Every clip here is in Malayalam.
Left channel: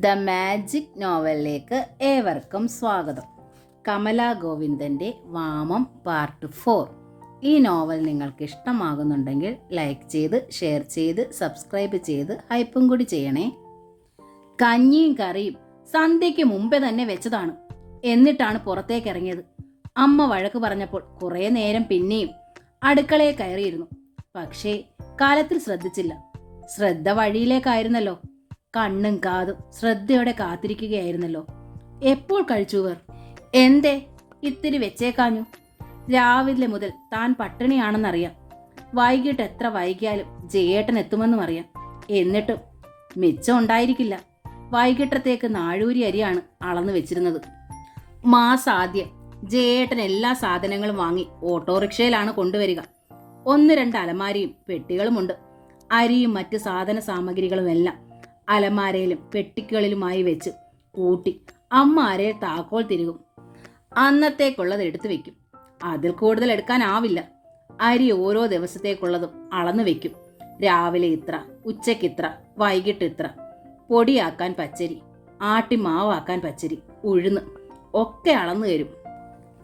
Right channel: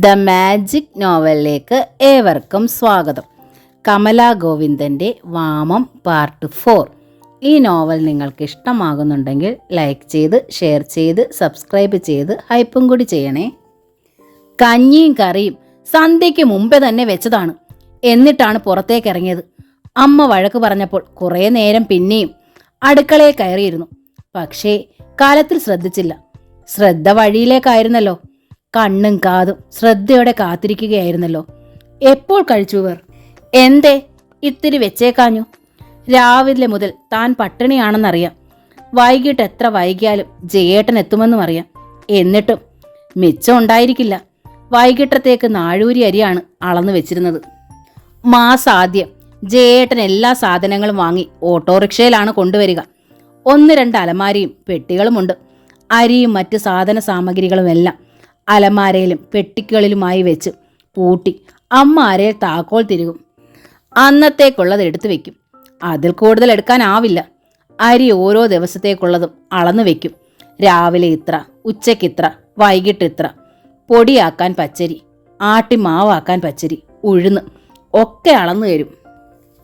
ദ മാജിക് നോവലിലേക്ക് ഏവർക്കും സ്വാഗതം. കമലാ ഗോവിന്ദൻ്റെ വാമം പാർട്ട് 4. ഈ നോവൽ നിങ്ങൾക്ക് ഇഷ്ടമാകുന്നുണ്ടെങ്കിൽ ലൈക്ക് ചെയ്ത്, ഷെയർ ചെയ്ത്, സബ്സ്ക്രൈബ് ചെയ്ത് ഹൈപ്പും കൂടി ചെയ്യണേ. കഞ്ഞിയും കറിയും സന്ധ്യയ്ക്ക് മുമ്പേ തന്നെ വെച്ചതാണ്. എന്നിട്ടാണ് പുറത്തേക്ക് ഇറങ്ങിയത്. അമ്മ വഴക്ക് പറഞ്ഞപ്പോൾ കുറേ നേരം പിന്നെയും അടുക്കളയിൽ കയറിയിരുന്നു. പക്ഷേ കാലത്തിൽ ശ്രദ്ധിച്ചില്ല. ശ്രദ്ധ വഴിയിലേക്കായിരുന്നല്ലോ. കണ്ണും കാതും ശ്രദ്ധയോടെ കാത്തിരിക്കുകയായിരുന്നല്ലോ. എപ്പോൾ കഴിച്ചുവർ? എന്തേ ഇത്തിരി വെച്ചേക്കാഞ്ഞു? രാവിലെ മുതൽ താൻ പട്ടിണിയാണെന്നറിയാം. വൈകിട്ട് എത്ര വൈകിയാലും ജയേട്ടൻ എത്തുമെന്നും അറിയാം. എന്നിട്ടും മിച്ചം ഉണ്ടായിരിക്കില്ല. വൈകിട്ടത്തേക്ക് നാഴൂരി അരിയാണ് അളന്നു വെച്ചിരുന്നത്. മാസാദ്യം ജയേട്ടൻ എല്ലാ സാധനങ്ങളും വാങ്ങി ഓട്ടോറിക്ഷയിലാണ് കൊണ്ടുവരിക. 1-2 അലമാരയും പെട്ടികളുമുണ്ട്. അരിയും മറ്റ് സാധന സാമഗ്രികളുമെല്ലാം അലമാരയിലും പെട്ടികളിലുമായി വെച്ച് പൂട്ടി അമ്മ അരയിൽ താക്കോൽ തിരുകും. അന്നത്തേക്കുള്ളത് എടുത്തു വെക്കും. അതിൽ കൂടുതൽ എടുക്കാനാവില്ല. അരി ഓരോ ദിവസത്തേക്കുള്ളതും അളന്നു വെക്കും. രാവിലെ ഇത്ര, ഉച്ചയ്ക്ക് ഇത്ര, വൈകിട്ട് ഇത്ര. പൊടിയാക്കാൻ പച്ചരി, ആട്ടി മാവാക്കാൻ പച്ചരി, ഉഴുന്ന് ഒക്കെ അളന്നു തരും.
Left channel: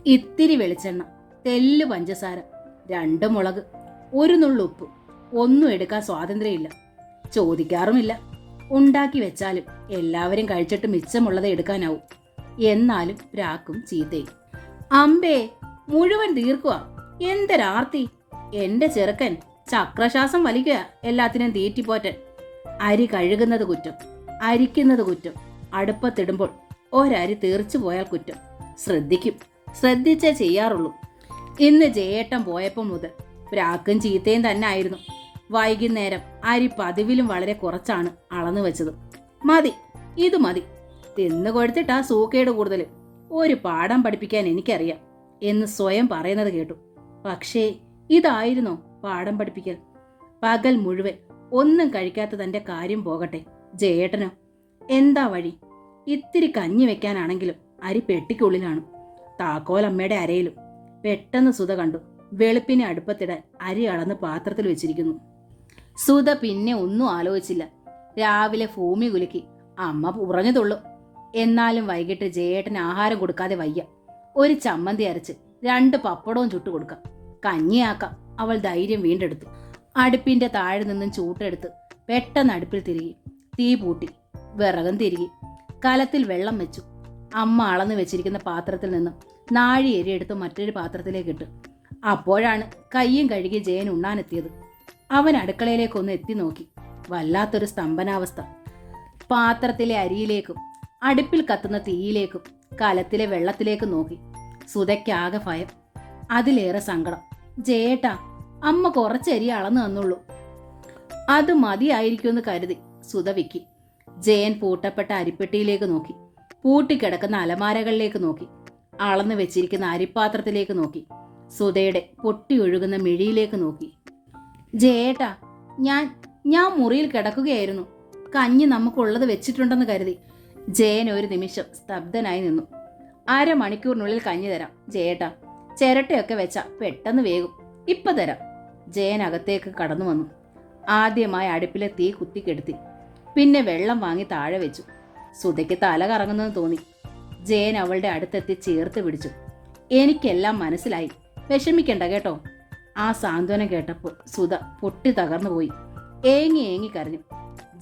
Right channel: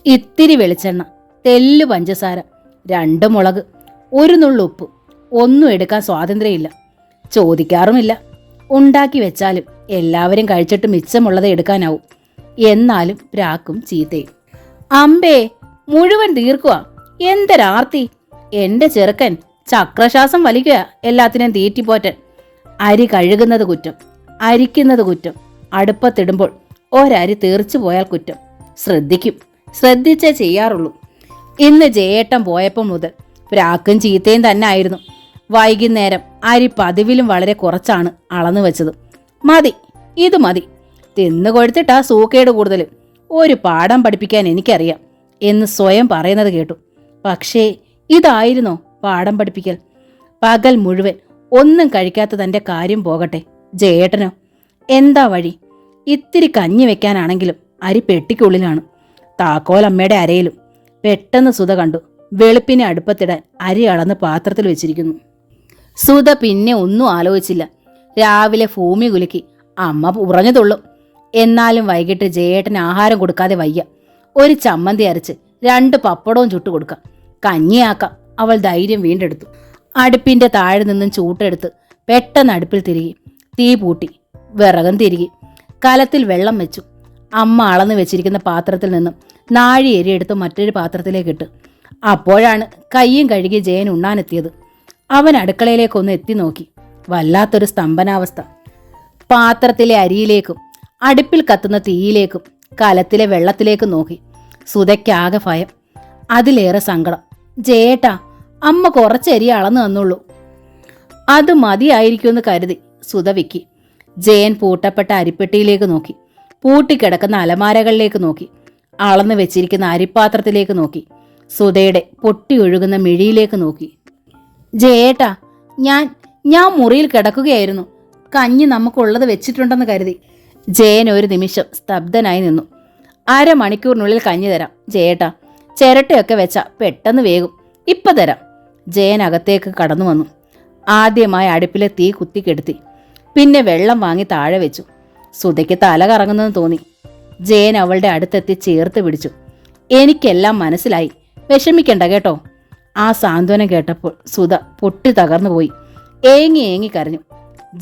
ഇത്തിരി വെളിച്ചെണ്ണ, തെല്ല് പഞ്ചസാര, 2 മുളക്, 1 നുള്ളുപ്പ്. ഒന്നും എടുക്കാൻ സ്വാതന്ത്ര്യമില്ല. ചോദിക്കാറുമില്ല. ഉണ്ടാക്കി വെച്ചാലും എല്ലാവരും കഴിച്ചിട്ട് മിച്ചമുള്ളത് എടുക്കാനാവും. എന്നാലും പ്രാക്കും ചീത്തയും. അമ്പേ, മുഴുവൻ തീർക്കുക. എന്തൊരാർത്തി! എന്റെ ചെറുക്കൻ ചക്രശ്വാസം വലിക്കുക എല്ലാത്തിനും തീറ്റിപ്പോറ്റൻ. അരി കഴുകുന്നത് കുറ്റം, അരിക്കുന്നത് കുറ്റം. അടുപ്പത്തിടുമ്പോൾ ഒരരി തീർച്ചു പോയാൽ കുറ്റം. ശ്രദ്ധിക്കും, ശ്രദ്ധിച്ചേ ചെയ്യാറുള്ളൂ. ഇന്ന് ജയേട്ടൻ പോയപ്പോൾ മുതൽ പ്രാക്കും ചീത്തയും തന്നെ ആയിരുന്നു. വൈകുന്നേരം അരി പതിവിലും വളരെ കുറച്ചാണ് അളന്നു വെച്ചത്. മതി, ഇത് മതി. തിന്നു കൊഴുത്തിട്ടാ സൂക്കേട് കൂടുതൽ. ഒരു പാഠം പഠിപ്പിക്കാൻ എനിക്കറിയാം എന്ന് സ്വയം പറയുന്നത് കേട്ടു. പക്ഷേ ഇതായിരുന്നോ പാഠം പഠിപ്പിക്കൽ? പകൽ മുഴുവൻ ഒന്നും കഴിക്കാത്ത തൻ്റെ കാര്യം പോകട്ടെ, ജയേട്ടനോ എന്താ വഴി? ഇത്തിരി കഞ്ഞി വെക്കാനാണെങ്കിലും അരി പെട്ടിക്കുള്ളിലാണ്. താക്കോൽ അമ്മയുടെ അരയിലും. പെട്ടെന്ന് സുധ കണ്ടു. വെളുപ്പിനെ അടുപ്പത്തിടാൻ അരി അളന്ന് പാത്രത്തിൽ വെച്ചിരിക്കുന്നു. സുധ പിന്നെ ഒന്നും ആലോചിച്ചില്ല. രാവിലെ ഭൂമി കുലുക്കി അമ്മ ഉറഞ്ഞതുള്ളൂ. എന്നാലും വൈകിട്ട് ജയേട്ടന് ആഹാരം കൊടുക്കാതെ വയ്യ. ഒരു ചമ്മന്തി അരച്ച് 2 പപ്പടവും ചുട്ടു കൊടുക്കാം. കഞ്ഞിയാക്കാം. അവൾ ധൈര്യം വീണ്ടെടുത്തു. അടുപ്പിന്റെ താഴെ നിന്നും ചൂട്ടെടുത്ത് പെട്ടെന്ന് അടുപ്പിൽ തിരികെ. തീ പൂട്ടി. വിറകം തിരികെ. കലത്തിൽ വെള്ളം വെച്ചു. അമ്മ അളന്നു വെച്ചിരിക്കുന്ന പാത്രത്തിൽ നിന്നും നാഴി എരി എടുത്ത് മറ്റൊരു പാത്രത്തിലേക്ക് ഇട്ട്. അപ്പോഴാണ് കയ്യും കഴുകി ജയൻ ഉണ്ണാനെത്തിയത്. അവൻ അടുക്കളയിലേക്കൊന്ന് എത്തി നോക്കി. വല്ലാത്തൊരു സ്തംഭനാവസ്ഥ. പാത്രത്തിലെ അരിയിലേക്കും അടുപ്പിൽ കത്തുന്ന തീയിലേക്കും കലത്തിലെ വെള്ളത്തിലേക്കും നോക്കി. സുധയ്ക്കാകെ ഭയം, അതിലേറെ സങ്കടം. ജയേട്ടാ, അമ്മ കുറച്ച് അരി അളന്നു തന്നുള്ളൂ. അത് മതിയായിരിക്കുമെന്ന് കരുതി സുധ വിക്കി. ജയൻ പൂട്ടപ്പെട്ട അരിപ്പെട്ടിയിലേക്ക് നോക്കി. പൂട്ടിക്കിടക്കുന്ന അലമാരകളിലേക്ക് നോക്കി. അളന്നു വെച്ചിരിക്കുന്ന അരിപ്പാത്രത്തിലേക്ക് നോക്കി. സുധയുടെ പൊട്ടി ഒഴുകുന്ന മിഴിയിലേക്ക് നോക്കി. ജയേട്ടാ, ഞാൻ മുറിയിൽ കിടക്കുകയായിരുന്നു. കഞ്ഞി നമുക്കുള്ളത് വെച്ചിട്ടുണ്ടെന്ന് കരുതി. ജയൻ ഒരു നിമിഷം സ്തബ്ധനായി നിന്നു. 1/2 മണിക്കൂറിനുള്ളിൽ കഞ്ഞി തരാം ജയേട്ടാ. ചിരട്ടയൊക്കെ വെച്ചാ പെട്ടെന്ന് വേകും. ഇപ്പൊ തരാം. ജയൻ അകത്തേക്ക് കടന്നു വന്നു. ആദ്യമായി അടുപ്പിലെ തീ കുത്തിക്കെടുത്തി. പിന്നെ വെള്ളം വാങ്ങി താഴെ വെച്ചു. സുധയ്ക്ക് തല കറങ്ങുന്നെന്ന് തോന്നി. ജയൻ അവളുടെ അടുത്തെത്തി ചേർത്ത് പിടിച്ചു. എനിക്കെല്ലാം മനസ്സിലായി, വിഷമിക്കണ്ട കേട്ടോ. ആ സാന്ത്വനം കേട്ടപ്പോൾ സുധ പൊട്ടി തകർന്നു പോയി. ഏങ്ങി കരഞ്ഞു.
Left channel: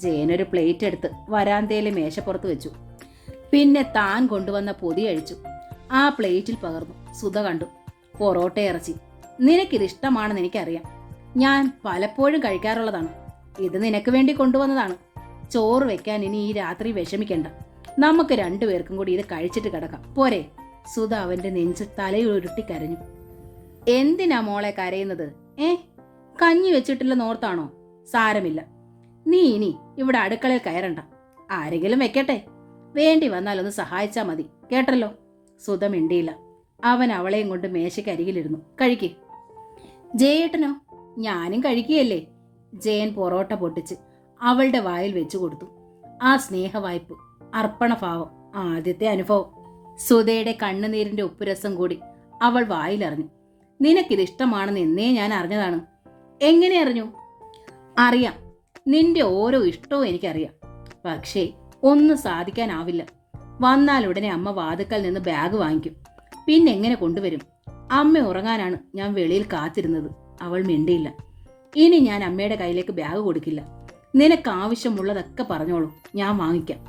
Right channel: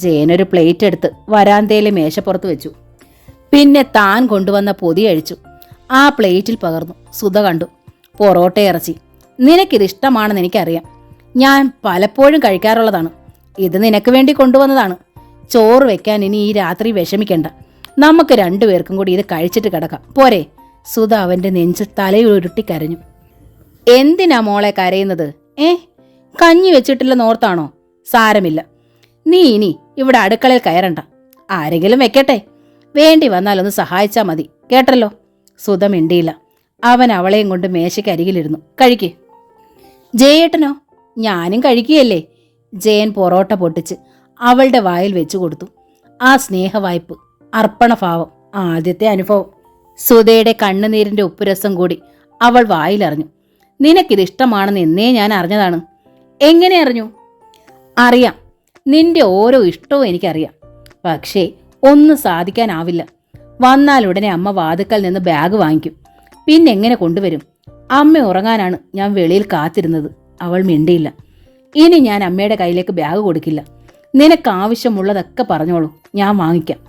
ജയനൊരു പ്ലേറ്റ് എടുത്ത് വരാന്തയിലെ മേശപ്പുറത്ത് വെച്ചു. പിന്നെ താൻ കൊണ്ടുവന്ന പൊതി അഴിച്ചു. ആ പ്ലേറ്റിൽ പകർന്നു. സുധ കണ്ടു. പൊറോട്ട ഇറച്ചി. നിനക്കിതിഷ്ടമാണെന്ന് എനിക്കറിയാം. ഞാൻ പലപ്പോഴും കഴിക്കാറുള്ളതാണ്. ഇത് നിനക്ക് വേണ്ടി കൊണ്ടുവന്നതാണ്. ചോറ് വെക്കാൻ ഇനി ഈ രാത്രി വിഷമിക്കണ്ട. നമുക്ക് 2 പേർക്കും കൂടി ഇത് കഴിച്ചിട്ട് കിടക്കാം, പോരെ? സുധ അവന്റെ നെഞ്ച് തലയുരുട്ടി കരഞ്ഞു. എന്തിനാ മോളെ കരയുന്നത്? കഞ്ഞി വെച്ചിട്ടില്ലെന്നോർത്താണോ? സാരമില്ല. നീ ഇനി ഇവിടെ അടുക്കളയിൽ കയറണ്ട. ആരെങ്കിലും വെക്കട്ടെ. വേണ്ടി വന്നാലൊന്ന് സഹായിച്ചാൽ മതി, കേട്ടല്ലോ. സുധ മിണ്ടിയില്ല. അവൻ അവളെയും കൊണ്ട് മേശയ്ക്കരികിലിരുന്നു. കഴിക്ക്. ജയേട്ടനോ? ഞാനും കഴിക്കുകയല്ലേ. ജയൻ പൊറോട്ട പൊട്ടിച്ച് അവളുടെ വായിൽ വെച്ചു കൊടുത്തു. ആ സ്നേഹവായ്പ്, അർപ്പണഭാവം, ആദ്യത്തെ അനുഭവം. സുധയുടെ കണ്ണുനീരിന്റെ ഉപ്പുരസം കൂടി അവൾ വായിലറിഞ്ഞു. നിനക്കിതിഷ്ടമാണെന്ന് എന്നേ ഞാൻ അറിഞ്ഞതാണ്. എങ്ങനെ അറിഞ്ഞു? അറിയാം, നിന്റെ ഓരോ ഇഷ്ടവും എനിക്കറിയാം. പക്ഷേ ഒന്നും സാധിക്കാനാവില്ല. വന്നാലുടനെ അമ്മ വാതുക്കൽ നിന്ന് ബാഗ് വാങ്ങിക്കും. പിന്നെങ്ങനെ കൊണ്ടുവരും? അമ്മ ഉറങ്ങാനാണ് ഞാൻ വെളിയിൽ കാത്തിരുന്നത്. അവൾ മിണ്ടിയില്ല. ഇനി ഞാൻ അമ്മയുടെ കയ്യിലേക്ക് ബാഗ് കൊടുക്കില്ല. നിനക്ക് ആവശ്യമുള്ളതൊക്കെ പറഞ്ഞോളൂ, ഞാൻ വാങ്ങിക്കാം.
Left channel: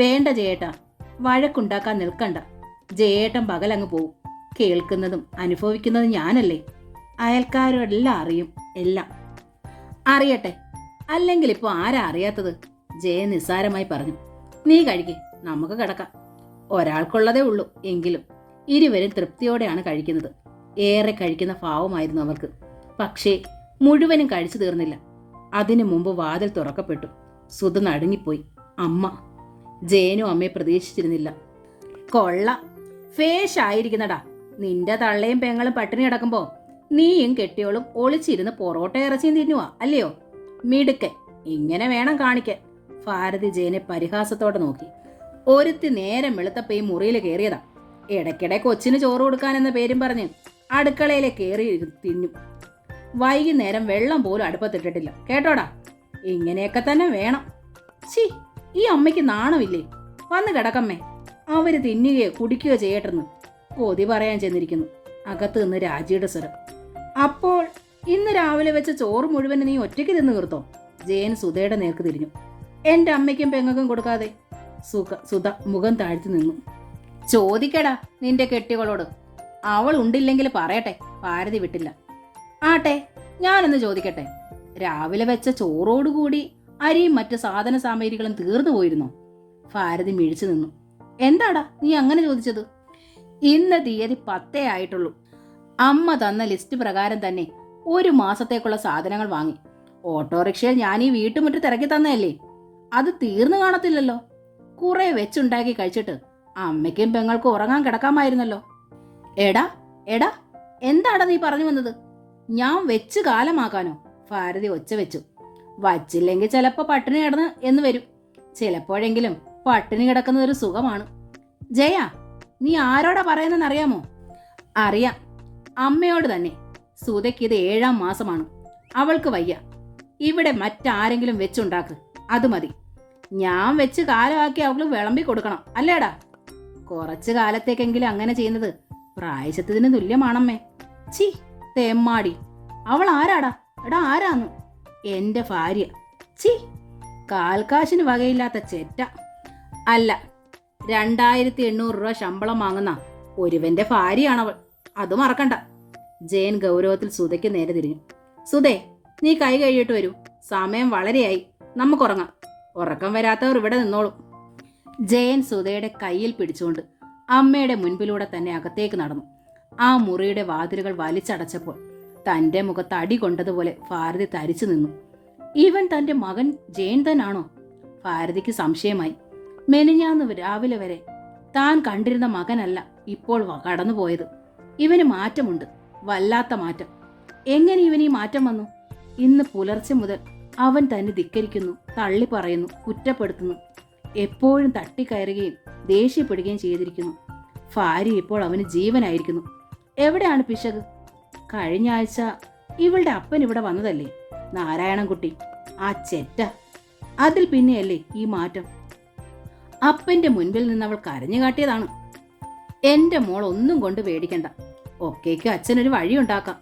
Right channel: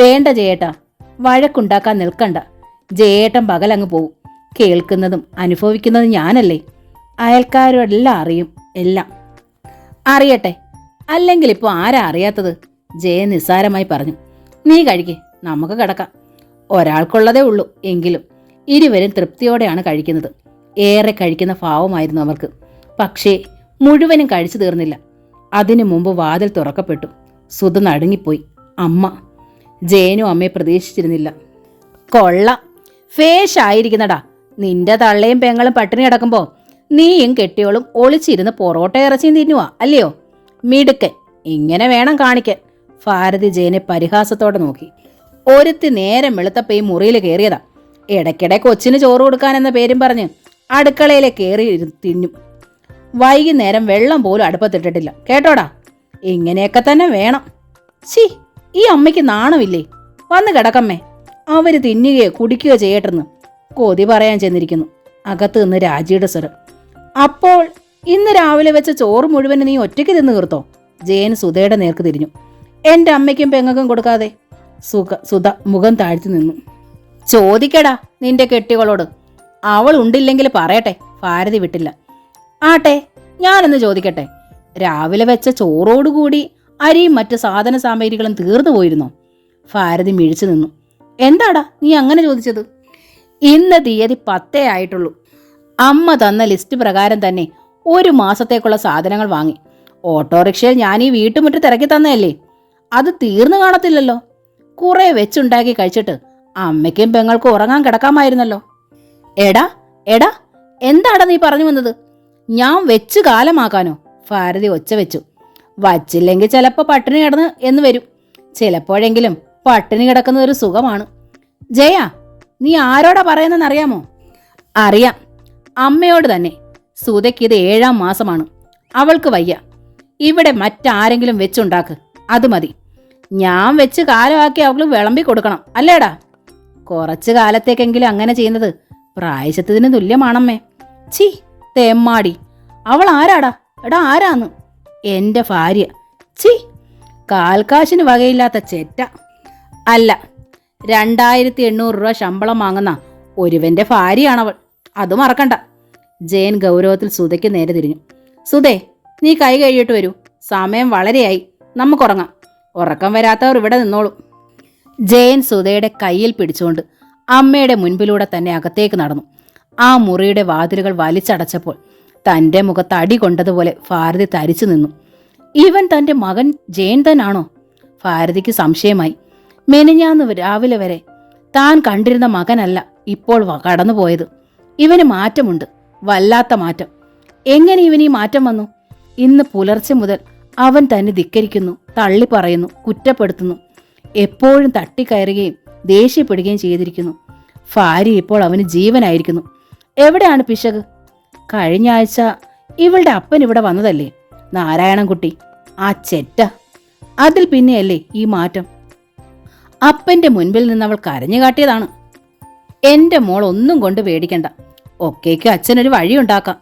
വേണ്ട ജയേട്ടാ, വഴക്കുണ്ടാക്കാൻ നിൽക്കണ്ട. ജയേട്ടൻ പകലങ്ങ് പോവും. കേൾക്കുന്നതും അനുഭവിക്കുന്നതും ഞാനല്ലേ. അയൽക്കാരോടെല്ലാം അറിയും. എല്ലാം അറിയട്ടെ. അല്ലെങ്കിൽ ഇപ്പോൾ ആരാ അറിയാത്തത്? ജയൻ നിസ്സാരമായി പറഞ്ഞു. നീ കഴിക്ക്, നമുക്ക് കിടക്കാം. ഒരാൾക്കുള്ളതേ ഉള്ളൂ എങ്കിലും ഇരുവരും തൃപ്തിയോടെയാണ് കഴിക്കുന്നത്. ഏറെ കഴിക്കുന്ന ഭാവമായിരുന്നു അവർക്ക്. പക്ഷേ മുഴുവനും കഴിച്ചു തീർന്നില്ല. അതിനു മുമ്പ് വാതിൽ തുറക്കപ്പെട്ടു. സുധ നടുങ്ങിപ്പോയി. അമ്മ. ജയനും അമ്മയെ പ്രതീക്ഷിച്ചിരുന്നില്ല. കൊള്ളാം, ഫേഷായിരിക്കുന്നടാ. നിന്റെ തള്ളയും പെങ്ങളും പട്ടിണി കിടക്കുമ്പോ നീയും കെട്ടിയോളും ഒളിച്ചിരുന്ന് പൊറോട്ട ഇറച്ചിയും തിന്നുവാ അല്ലയോ? മിടുക്കൻ. ഇങ്ങനെ വേണം കാണിക്കാൻ. ഭാരതി ജയനെ പരിഹാസത്തോടെ നോക്കി. ഒരുത്തി നേരം വെളുത്തപ്പോ ഈ മുറിയിൽ കയറിയതാ. ഇടയ്ക്കിടെ കൊച്ചിന് ചോറ് കൊടുക്കാനെന്ന പേരും പറഞ്ഞ് അടുക്കളയിലെ കയറി തിന്നും. വൈകുന്നേരം വെള്ളം പോലും അടുപ്പത്തിട്ടിട്ടില്ല. കേട്ടോടാ, ഇങ്ങനെയൊക്കെ തന്നെ വേണം. ശി, ഈ അമ്മയ്ക്ക് നാണമില്ലേ? വന്ന് കിടക്കമ്മേ. അവര് തിന്നുകയോ കുടിക്കുകയോ ചെയ്യട്ടെന്ന് കൊതി പറയാൻ ചെന്നിരിക്കുന്നു. അകത്ത് നിന്ന് രാജിയുടെ സ്വരം. അപ്പോൾ ഇന്ന് രാവിലെ വെച്ച ചോറ് മുഴുവൻ നീ ഒറ്റയ്ക്ക് തിന്നു തീർത്തോ? ജയൻ സുധയുടെ നേർക്ക് തിരിഞ്ഞു. എൻ്റെ അമ്മയ്ക്കും പെങ്ങൾക്കും കൊടുക്കാതെ. സുധ മുഖം താഴ്ത്തി നിന്നു. ചോദിക്കടാ നിന്റെ കെട്ടികളോട്. അവൾ ഉണ്ടില്ലെങ്കിൽ പറയട്ടെ. ഭാരതി വിട്ടില്ല. ആട്ടെ, ഞാനൊന്ന് ചോദിക്കട്ടെ. രാവിലെ വെച്ച ചോറോടുകൂടി അരിയും മറ്റ് സാധന സാമഗ്രികളും തീർന്നു പോയിരുന്നോ? ഭാരതി മിഴിച്ചു നിന്നു. എന്താടാ നീ അങ്ങനെ ചോദിച്ചത്? ഇന്ന് തീയതി 10 ആയിട്ടുള്ളൂ. അമ്മ തന്ന ലിസ്റ്റ് പ്രകാരം തന്നെ 1 മാസത്തേക്കുള്ള സാധനങ്ങൾ വാങ്ങി. ഓട്ടോറിക്ഷയിൽ ഞാൻ ഈ വീട്ടുമുറ്റത്ത് ഇറക്കി തന്നതല്ലേ. അത് തീർന്നു കാണത്തില്ലല്ലോ. കുറെ വെച്ചുണ്ടാക്കി കഴിച്ചിട്ട് അമ്മയ്ക്കും പെങ്ങൾക്കും ഉറങ്ങാൻ കിടക്കാമായിരുന്നല്ലോ. എടാ എടാ, എന്താടാ നീ പറഞ്ഞു വന്നത്? ഞാൻ വെച്ച് കാലമാക്കാനോ? ഭാരതി ഒച്ച വെച്ചു. വച്ചില്ലെങ്കിൽ ചിലപ്പോൾ പട്ടിണി കിടന്ന് എന്ന് വരും. ചിലപ്പോഴെങ്കിലും പട്ടിണി കിടക്കുന്ന ഒരു സുഖമാണ്. ജയ, നീ ആരോടാ പറയുന്നതെന്നറിയാമോ? അറിയാം, അമ്മയോട് തന്നെ. സുധയ്ക്ക് ഇത് 7ാം മാസമാണ്. അവൾക്ക് വയ്യ. ഇവിടെ മറ്റാരെങ്കിലും വെച്ചുണ്ടാക്ക്, അത് മതി. ഞാൻ വെച്ച് കാലമാക്കി അവൾക്ക് വിളമ്പി കൊടുക്കണം അല്ലേടാ? കുറച്ചു കാലത്തേക്കെങ്കിലും അങ്ങനെ ചെയ്യുന്നത് പ്രായശ്ചിത്തത്തിന് തുല്യമാണമ്മേ. ചീ, തെമ്മാടി. അവൾ ആരാടാ? എടാ ആരാന്ന്? എൻ്റെ ഭാര്യ. ചീ, കാൽക്കാശിന് വകയില്ലാത്ത ചെറ്റ. അല്ല, 2800 രൂപ ശമ്പളം വാങ്ങുന്ന ഒരുവന്റെ ഭാര്യയാണവൾ. അത് മറക്കണ്ട. ജയൻ ഗൗരവത്തിൽ സുധയ്ക്ക് നേരെ തിരിഞ്ഞു. സുധേ, നീ കൈ കഴിയിട്ട് വരൂ. സമയം വളരെയായി. നമുക്കുറങ്ങാം. ഉറക്കം വരാത്തവർ ഇവിടെ നിന്നോളൂ. ജയൻ സുധയുടെ കയ്യിൽ പിടിച്ചുകൊണ്ട് അമ്മയുടെ മുൻപിലൂടെ തന്നെ അകത്തേക്ക് നടന്നു. ആ മുറിയുടെ വാതിലുകൾ വലിച്ചടച്ചപ്പോൾ തൻ്റെ മുഖത്ത് അടി കൊണ്ടതുപോലെ ഭാരതി തരിച്ചു നിന്നു. ഇവൻ തൻ്റെ മകൻ ജയൻ തന്നാണോ? ഭാരതിക്ക് സംശയമായി. മെനിഞ്ഞാന്ന് രാവിലെ വരെ താൻ കണ്ടിരുന്ന മകനല്ല ഇപ്പോൾ കടന്നുപോയത്. ഇവന് മാറ്റമുണ്ട്, വല്ലാത്ത മാറ്റം. എങ്ങനെ ഇവന് ഈ മാറ്റം വന്നു? ഇന്ന് പുലർച്ചെ മുതൽ അവൻ തന്നെ ധിക്കരിക്കുന്നു, തള്ളിപ്പറയുന്നു, കുറ്റപ്പെടുത്തുന്നു. എപ്പോഴും തട്ടിക്കയറുകയും ദേഷ്യപ്പെടുകയും ചെയ്തിരിക്കുന്നു. ഭാര്യ ഇപ്പോൾ അവന് ജീവനായിരിക്കുന്നു. എവിടെയാണ് പിശക്? കഴിഞ്ഞ ആഴ്ച ഇവളുടെ അപ്പൻ ഇവിടെ വന്നതല്ലേ, നാരായണൻകുട്ടി. ആ ചെറ്റ. അതിൽ പിന്നെയല്ലേ ഈ മാറ്റം. അപ്പന്റെ മുൻപിൽ നിന്ന് അവൾ കരഞ്ഞു കാട്ടിയതാണ്. എൻ്റെ മോൾ ഒന്നും കൊണ്ട് പേടിക്കണ്ട, ഒക്കേക്ക് അച്ഛനൊരു വഴിയുണ്ടാക്കാം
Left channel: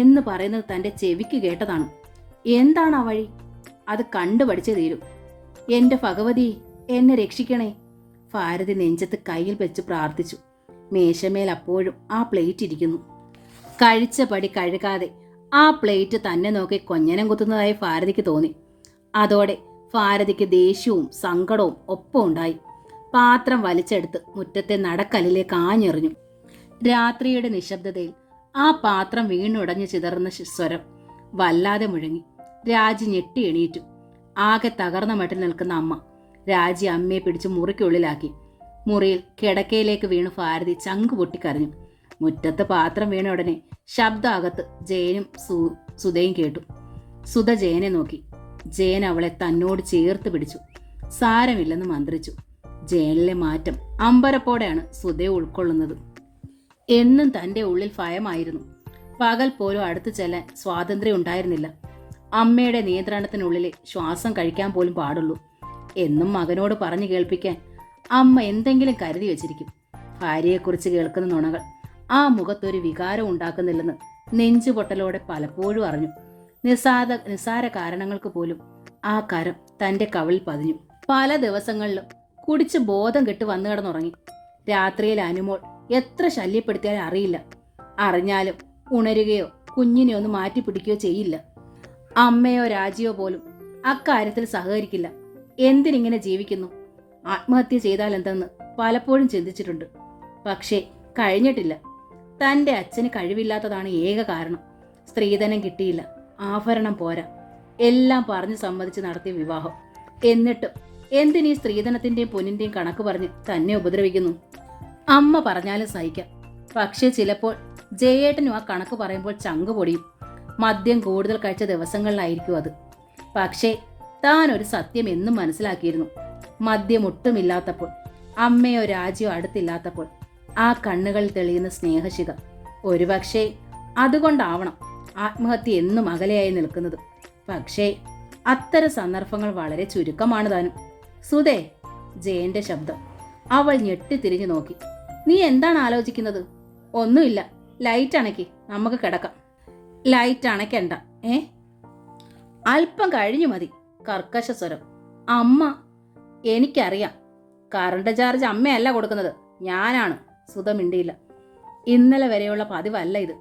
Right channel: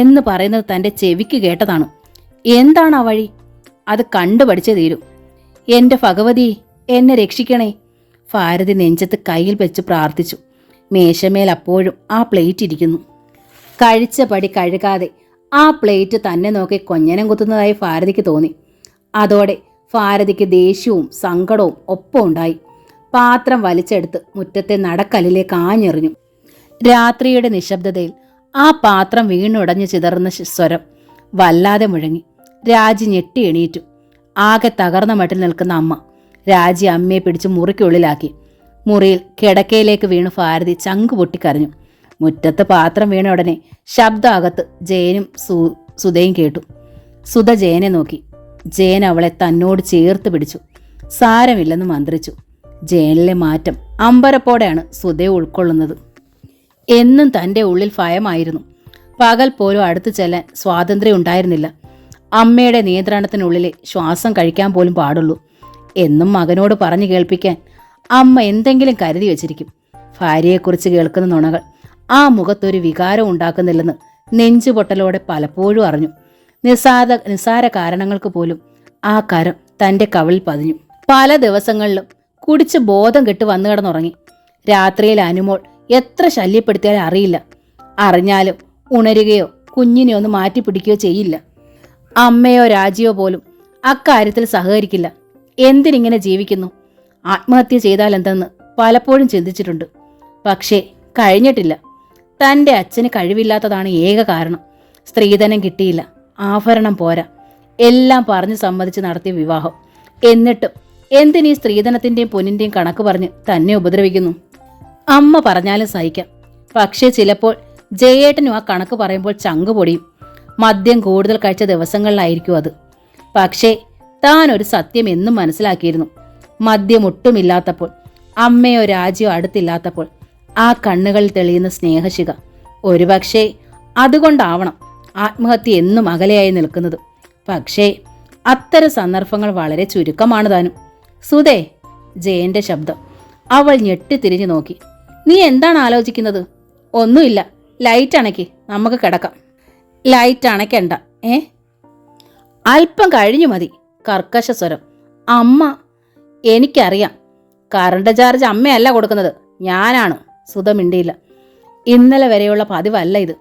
എന്ന് പറയുന്നത് തൻ്റെ ചെവിക്ക് കേട്ടതാണ്. എന്താണ് ആ വഴി? അത് കണ്ടുപഠിച്ചേ തീരൂ. എൻ്റെ ഭഗവതി, എന്നെ രക്ഷിക്കണേ. ഭാരതി നെഞ്ചത്ത് കയ്യിൽ വെച്ച് പ്രാർത്ഥിച്ചു. മേശമേൽ അപ്പോഴും ആ പ്ലേറ്റ് ഇരിക്കുന്നു. കഴിച്ച പടി കഴുകാതെ ആ പ്ലേറ്റ് തന്നെ നോക്കി കൊഞ്ഞനം കുത്തുന്നതായി ഭാരതിക്ക് തോന്നി. അതോടെ ഭാരതിക്ക് ദേഷ്യവും സങ്കടവും ഒപ്പം ഉണ്ടായി. പാത്രം വലിച്ചെടുത്ത് മുറ്റത്തെ നടക്കല്ലിലേക്ക് ആഞ്ഞെറിഞ്ഞു. രാത്രിയുടെ നിശബ്ദതയിൽ ആ പാത്രം വീണുടഞ്ഞു ചിതറുന്ന സ്വരം വല്ലാതെ മുഴങ്ങി. രാജി ഞെട്ടി എണീറ്റു. ആകെ തകർന്ന മട്ടിൽ നിൽക്കുന്ന അമ്മ. രാജി അമ്മയെ പിടിച്ച് മുറിക്കുള്ളിലാക്കി. മുറിയിൽ കിടക്കയിലേക്ക് വീണു ഭാരതി ചങ്കു പൊട്ടിക്കരഞ്ഞു. മുറ്റത്ത് പാത്രം വീണ ഉടനെ ശബ്ദം അകത്ത് ജയനും സുധയും കേട്ടു. സുധ ജയനെ നോക്കി. ജയൻ അവളെ തന്നോട് ചേർത്ത് പിടിച്ചു. സാരമില്ലെന്ന് മന്ത്രിച്ചു. ജയനിലെ മാറ്റം അമ്പരപ്പോടെയാണ് സുധയെ ഉൾക്കൊള്ളുന്നത്. എന്നും തൻ്റെ ഉള്ളിൽ ഭയമായിരുന്നു. പകൽ പോലും അടുത്തു ചെല്ലാൻ സ്വാതന്ത്ര്യം ഉണ്ടായിരുന്നില്ല. അമ്മയുടെ നിയന്ത്രണത്തിനുള്ളിലെ ശ്വാസം കഴിക്കാൻ പോലും പാടുള്ളൂ. എന്നും മകനോട് പറഞ്ഞു കേൾപ്പിക്കാൻ അമ്മ എന്തെങ്കിലും കരുതി വച്ചിരിക്കും. ഭാര്യയെക്കുറിച്ച് കേൾക്കുന്ന നുണകൾ ആ മുഖത്തൊരു വികാരം ഉണ്ടാക്കുന്നില്ലെന്ന് നെഞ്ചുപൊട്ടലോടെ പലപ്പോഴും അറിഞ്ഞു. നിസ്സാര കാരണങ്ങൾക്ക് പോലും ആ കരം തൻ്റെ കവിളിൽ പതിഞ്ഞു. പല ദിവസങ്ങളിലും കുടിച്ച് ബോധം കെട്ട് വന്നു കിടന്നുറങ്ങി. രാത്രിയിൽ അനുമോൾ എത്ര ശല്യപ്പെടുത്തിയാലും അറിയില്ല. അറിഞ്ഞാലും ഉണരുകയോ കുഞ്ഞിനെ ഒന്ന് മാറ്റി പിടിക്കുകയോ ചെയ്യില്ല. അമ്മയോ രാജിയോ പോലും അക്കാര്യത്തിൽ സഹകരിക്കില്ല. എന്തിനിങ്ങനെ ജീവിക്കുന്നു? ആത്മഹത്യ ചെയ്താൽ എന്തെന്ന് പലപ്പോഴും ചിന്തിച്ചിട്ടുണ്ട്. പക്ഷേ കഴിഞ്ഞിട്ടില്ല. തൻ്റെ അച്ഛന് കഴിവില്ലാത്തതാണ് ഏക കാരണം. സ്ത്രീധനം കിട്ടിയില്ല, ആഭരണം പോരാ, എല്ലാം പറഞ്ഞ് സമ്മതിച്ച് നടത്തിയ വിവാഹം. എന്നിട്ടും എന്തിനീ സ്ത്രീധനത്തിൻ്റെയും പൊന്നിൻ്റെയും കണക്ക് പറഞ്ഞ് തന്നെ ഉപദ്രവിക്കുന്നു? അമ്മ പറഞ്ഞാലും സഹിക്കാം. പക്ഷേ ചിലപ്പോൾ ജയേട്ടനും ആ കണക്ക് പറയുമ്പോൾ ചങ്ക് പൊടിയും. മദ്യം കൂടുതൽ കഴിച്ച ദിവസങ്ങളിലായിരിക്കും അത്. പക്ഷേ താൻ ഒരു സത്യം എന്നും മനസ്സിലാക്കിയിരുന്നു. മദ്യം ഒട്ടുമില്ലാത്തപ്പോൾ, അമ്മയോ രാജിയോ അടുത്തില്ലാത്തപ്പോൾ ആ കണ്ണുകളിൽ തെളിയുന്ന സ്നേഹശിഖ. ഒരുപക്ഷേ അതുകൊണ്ടാവണം ആത്മഹത്യ എന്നും അകലെയായി നിൽക്കുന്നത്. പക്ഷേ അത്തരം സന്ദർഭങ്ങൾ വളരെ ചുരുക്കമാണ് താനും. സുധേ, ജയന്റെ ശബ്ദം. അവൾ ഞെട്ടിത്തിരിഞ്ഞു നോക്കി. നീ എന്താണ് ആലോചിക്കുന്നത്? ഒന്നുമില്ല. ലൈറ്റ് അണയ്ക്ക്, നമുക്ക് കിടക്കാം. ലൈറ്റ് അണയ്ക്കണ്ട. അല്പം കഴിഞ്ഞു മതി. കർക്കശ സ്വരം. അമ്മ, എനിക്കറിയാം. കറണ്ട് ചാർജ് അമ്മയല്ല കൊടുക്കുന്നത്, ഞാനാണ്. സുധ മിണ്ടിയില്ല. ഇന്നലെ വരെയുള്ള പതിവല്ല ഇത്.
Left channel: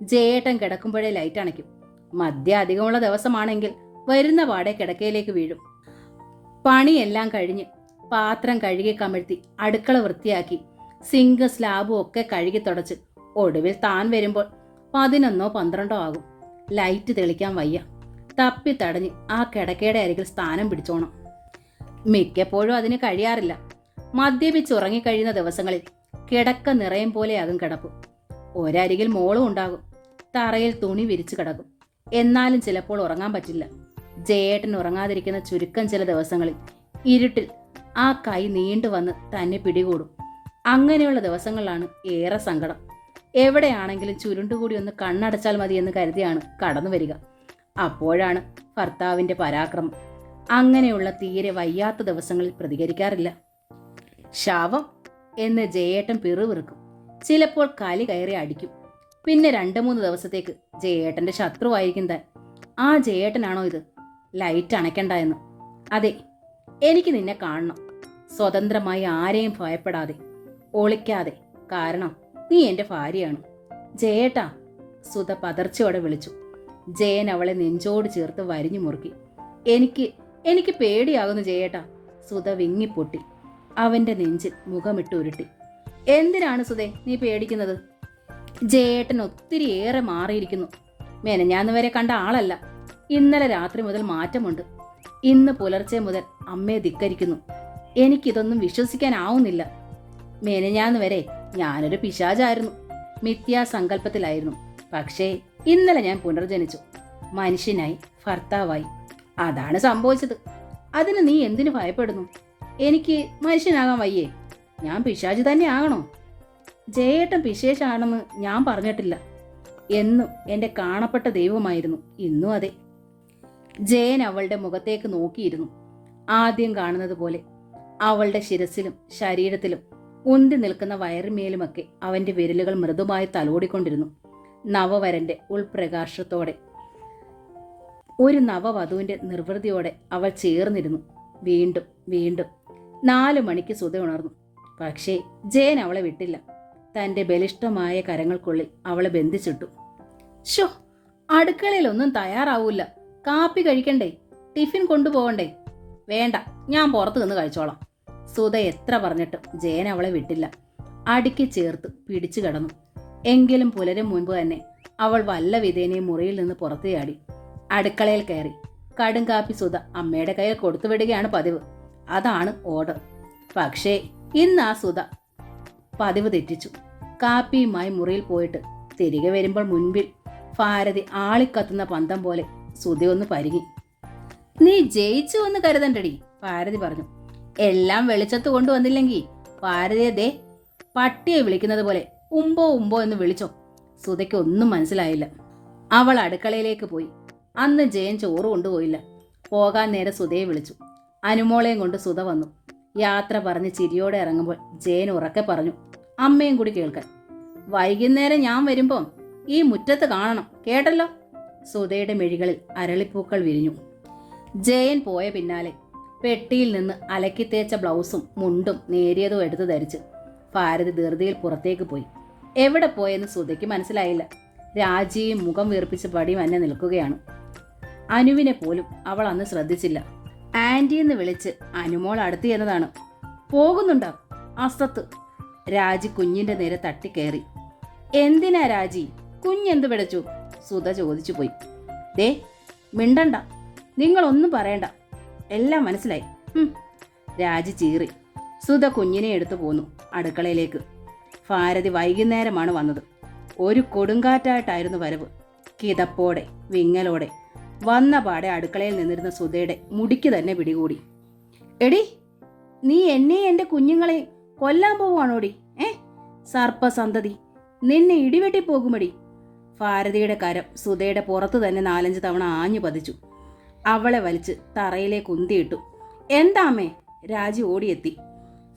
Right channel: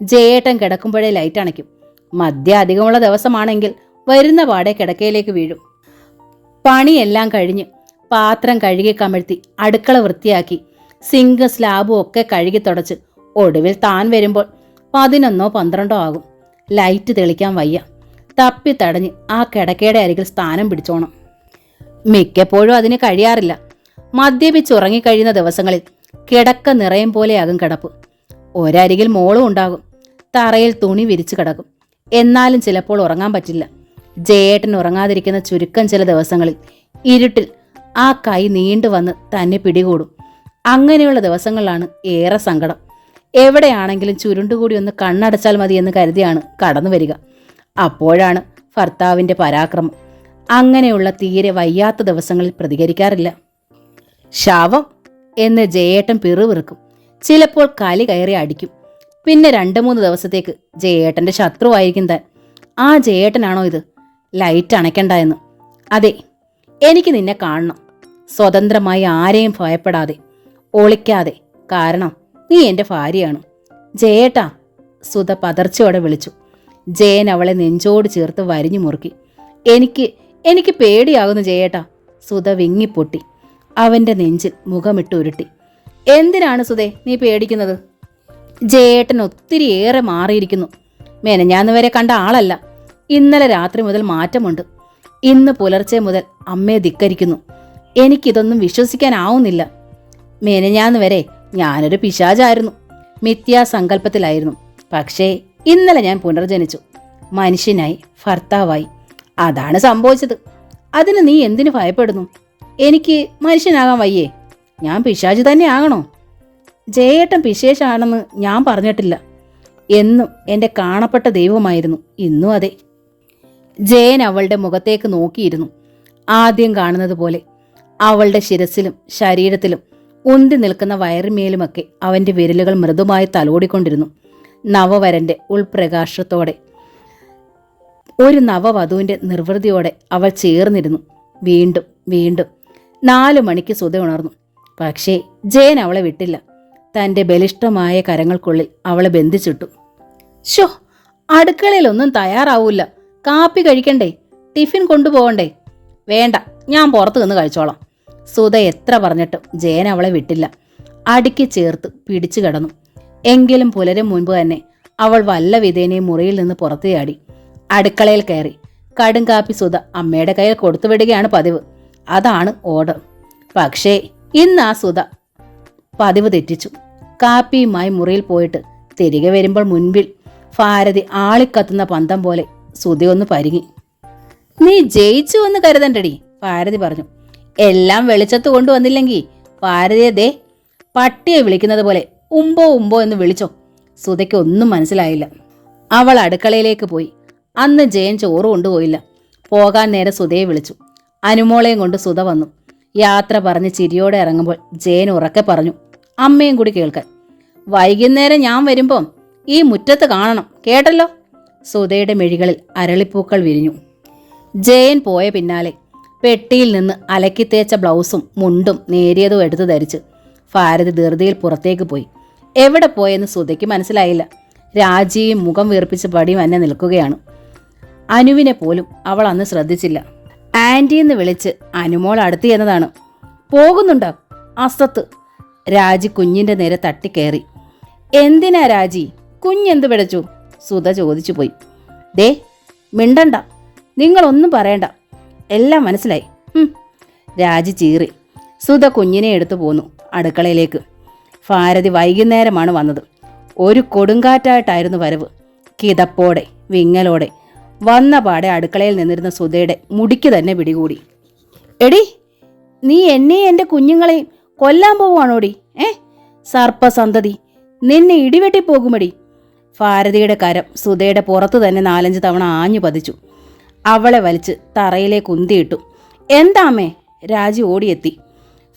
ജയേട്ടൻ കിടക്കുമ്പോഴേ ലൈറ്റ് അണയ്ക്കും. മദ്യം അധികമുള്ള ദിവസമാണെങ്കിൽ വരുന്ന പാടെ കിടക്കയിലേക്ക് വീഴും. പണിയെല്ലാം കഴിഞ്ഞ് പാത്രം കഴുകി കമഴ്ത്തി അടുക്കള വൃത്തിയാക്കി സിങ്ക് സ്ലാബും ഒക്കെ കഴുകി തുടച്ച് ഒടുവിൽ താൻ വരുമ്പോൾ 11 12 ആകും. ലൈറ്റ് തെളിക്കാൻ വയ്യ. തപ്പി തടഞ്ഞ് ആ കിടക്കയുടെ അരികിൽ സ്ഥാനം പിടിച്ചോണം. മിക്കപ്പോഴും അതിന് കഴിയാറില്ല. മദ്യപിച്ചുറങ്ങിക്കഴിയുന്ന ദിവസങ്ങളിൽ കിടക്ക നിറയും പോലെയാകും കിടപ്പ്. ഒരരികിൽ മോളും ഉണ്ടാകും. തറയിൽ തുണി വിരിച്ചു കിടക്കും. എന്നാലും ചിലപ്പോൾ ഉറങ്ങാൻ പറ്റില്ല. ജയേട്ടൻ ഉറങ്ങാതിരിക്കുന്ന ചുരുക്കം ചില ദിവസങ്ങളിൽ ഇരുട്ടിൽ ആ കൈ നീണ്ടുവന്ന് തന്നെ പിടികൂടും. അങ്ങനെയുള്ള ദിവസങ്ങളിലാണ് ഏറെ സങ്കടം. എവിടെയാണെങ്കിലും ചുരുണ്ടുകൂടി ഒന്ന് കണ്ണടച്ചാൽ മതി എന്ന് കരുതിയാണ് കടന്നു വരിക. അപ്പോഴാണ് ഭർത്താവിൻ്റെ പരാക്രമം. അങ്ങനെയുള്ള തീരെ വയ്യാത്ത ദിവസങ്ങളിൽ പ്രതികരിക്കാറില്ല. ശവം എന്ന് ജയേട്ടൻ പിറുവിറുക്കും. ചിലപ്പോൾ കലി കയറി അടിക്കും. പിന്നെ 2-3 ദിവസത്തേക്ക് ജയേട്ടൻ്റെ ശത്രുവായിരിക്കും താൻ. ആ ജയേട്ടനാണോ ഇത്? ലൈറ്റ് അണയ്ക്കണ്ട എന്ന്. അതെ, എനിക്ക് നിന്നെ കാണണം. സ്വതന്ത്രമായി ആരെയും ഭയപ്പെടാതെ, ഒളിക്കാതെ. കാരണം നീ എൻ്റെ ഭാര്യയാണ്. ജയേട്ടാ, സുധ പതർച്ചയോടെ വിളിച്ചു. ജയൻ അവളെ നെഞ്ചോട് ചേർത്ത് വരിഞ്ഞു മുറുക്കി. എനിക്ക് പേടിയാകുന്നു ജയേട്ടാ. സുധ വിങ്ങിപ്പൊട്ടി. അവൻ്റെ നെഞ്ചിൽ മുഖമിട്ട് ഉരുട്ടി. എന്തിനാണ് സുധേ നീ പേടിക്കുന്നത്? ജയേട്ടൻ ഒത്തിരിയേറെ മാറിയിരിക്കുന്നു. മെനഞ്ഞാന്ന് വരെ കണ്ട ആളല്ല. ഇന്നലെ രാത്രി മുതൽ മാറ്റമുണ്ട്. ഇന്ന് പുലർച്ചെ മുതൽ അമ്മയെ ധിക്കരിക്കുന്നു. എനിക്കിതൊന്നും വിശ്വസിക്കാനാവുന്നില്ല. മെനഞ്ഞാന്ന് വരെ ഞാനൊരു പിശാചായിരുന്നു, മിഥ്യാസങ്കല്പത്തിലായിരുന്നു. പക്ഷേ ഇന്നലെ ഞാൻ പുനർജനിച്ചു, മനുഷ്യനായി, ഭർത്താവായി. അതാണ് സംഭവിച്ചത്. അതിന് നീ എന്തിനു ഭയപ്പെടുന്നു? എനിക്ക് മനുഷ്യനാകാൻ വയ്യേ? ഞാൻ പിശാച് തന്നെ ആകണോ? ജയേട്ടൻ പിശേഷാണെന്ന് ഞാൻ പറഞ്ഞിട്ടില്ല. എന്നും എൻ്റെ കാണപ്പെട്ട ദൈവമായിരുന്നു. ഇന്നും അതെ. ജയൻ അവളുടെ മുഖത്തേക്ക് നോക്കിയിരുന്നു. ആദ്യം കാണുന്നത് പോലെ അവളുടെ ശിരസിലും ശരീരത്തിലും ഉന്തി നിൽക്കുന്ന വയറിമേലുമൊക്കെ അവൻ്റെ വിരലുകൾ മൃദുമായി തലോടിക്കൊണ്ടിരുന്നു. നവവരൻ്റെ ഉൾപ്രകാശത്തോടെ, ഒരു നവവധുവിൻ്റെ നിർവൃതിയോടെ അവൾ ചേർന്നിരുന്നു. വീണ്ടും വീണ്ടും 4 മണിക്ക് സുധ ഉണർന്നു. പക്ഷേ ജയൻ അവളെ വിട്ടില്ല. തൻ്റെ ബലിഷ്ഠമായ കരങ്ങൾക്കുള്ളിൽ അവളെ ബന്ധിച്ചിട്ടു. ഷോ, അടുക്കളയിലൊന്നും തയ്യാറാവൂല. കാപ്പി കഴിക്കണ്ടേ? ടിഫിൻ കൊണ്ടുപോകണ്ടേ? വേണ്ട, ഞാൻ പുറത്തു നിന്ന് കഴിച്ചോളാം. സുധ എത്ര പറഞ്ഞിട്ടും ജയൻ അവളെ വിട്ടില്ല. അടുക്കി ചേർത്ത് പിടിച്ചു കിടന്നു. എങ്കിലും പുലരും മുൻപ് തന്നെ അവൾ വല്ല വിധേനയും മുറിയിൽ നിന്ന് പുറത്തു ചാടി അടുക്കളയിൽ കയറി. കടും കാപ്പി സുധ അമ്മയുടെ കയ്യിൽ കൊടുത്തു വിടുകയാണ് പതിവ്. അതാണ് ഓർഡർ. പക്ഷേ ഇന്ന് ആ സുധ പതിവ് തെറ്റിച്ചു. കാപ്പിയുമായി മുറിയിൽ പോയിട്ട് തിരികെ വരുമ്പോൾ മുൻപിൽ ഭാരതി ആളിക്കത്തുന്ന പന്തം പോലെ സുധയൊന്ന് പരിങ്ങി. നീ ജയിച്ചു എന്ന് കരുതണ്ടടി, ഭാരതി പറഞ്ഞു. എല്ലാം വെളിച്ചത്ത് കൊണ്ടുവന്നില്ലെങ്കിൽ ഭാരതിയെ ദേ പട്ടിയെ വിളിക്കുന്നത് പോലെ ഉമ്പോ ഉമ്പോ എന്ന് വിളിച്ചോ. സുധയ്ക്ക് ഒന്നും മനസ്സിലായില്ല. അവൾ അടുക്കളയിലേക്ക് പോയി. അന്ന് ജയൻ ചോറ് കൊണ്ടുപോയില്ല. പോകാൻ നേരെ സുധയെ വിളിച്ചു. അനുമോളെയും കൊണ്ട് സുധ വന്നു. യാത്ര പറഞ്ഞ് ചിരിയോടെ ഇറങ്ങുമ്പോൾ ജയൻ ഉറക്കെ പറഞ്ഞു, അമ്മയും കൂടി കേൾക്കാൻ. വൈകുന്നേരം ഞാൻ വരുമ്പം ഈ മുറ്റത്ത് കാണണം, കേട്ടല്ലോ. സുധയുടെ മിഴികളിൽ അരളിപ്പൂക്കൾ വിരിഞ്ഞു. ജയൻ പോയ പിന്നാലെ പെട്ടിയിൽ നിന്ന് അലക്കി തേച്ച ബ്ലൗസും മുണ്ടും നേരിയതും എടുത്തു ധരിച്ച് ഭാരതി ധൃതിയിൽ പുറത്തേക്ക് പോയി. എവിടെ പോയെന്ന് സുധയ്ക്ക് മനസ്സിലായില്ല. രാജിയും മുഖം വീർപ്പിച്ച് പടിയും തന്നെ നിൽക്കുകയാണ്. അനുവിനെ പോലും അവൾ അന്ന് ശ്രദ്ധിച്ചില്ല. ആൻറ്റിന്ന് വിളിച്ച് അനുമോൾ അടുത്ത് ചെന്നതാണ്. പോകുന്നുണ്ടോ? അസത്ത്. രാജി കുഞ്ഞിൻ്റെ നേരെ തട്ടിക്കയറി. എന്തിനാ രാജി, കുഞ്ഞെന്ത് പിടച്ചു? സുധ ചോദിച്ചു പോയി. ദേ മിണ്ടണ്ട, നിങ്ങളൊന്നും പറയണ്ട, എല്ലാം മനസ്സിലായി. രാജി ചീറി. സുധ കുഞ്ഞിനെ എടുത്തു പോന്നു അടുക്കളയിലേക്ക്. ഭാരതി വൈകുന്നേരമാണ് വന്നത്. ഒരു കൊടുങ്കാറ്റായിട്ടായിരുന്നു വരവ്. കിതപ്പോടെ വിങ്ങലോടെ വന്ന പാടെ അടുക്കളയിൽ നിന്നിരുന്ന സുധയുടെ മുടിക്ക് തന്നെ പിടികൂടി. എടി, നീ എന്നെയും എൻ്റെ കുഞ്ഞുങ്ങളെയും കൊല്ലാൻ പോവുകയാണോടി? സർപ്പസന്തതി, നിന്നെ ഇടിവെട്ടിപ്പോകുമടി. ഭാരതിയുടെ കരം സുധയുടെ പുറത്തു തന്നെ 4-5 തവണ ആഞ്ഞു പതിച്ചു. അവളെ വലിച്ച് തറയിലേക്ക് ഉന്തിയിട്ടു. എന്താമ്മേ? രാജി ഓടിയെത്തി.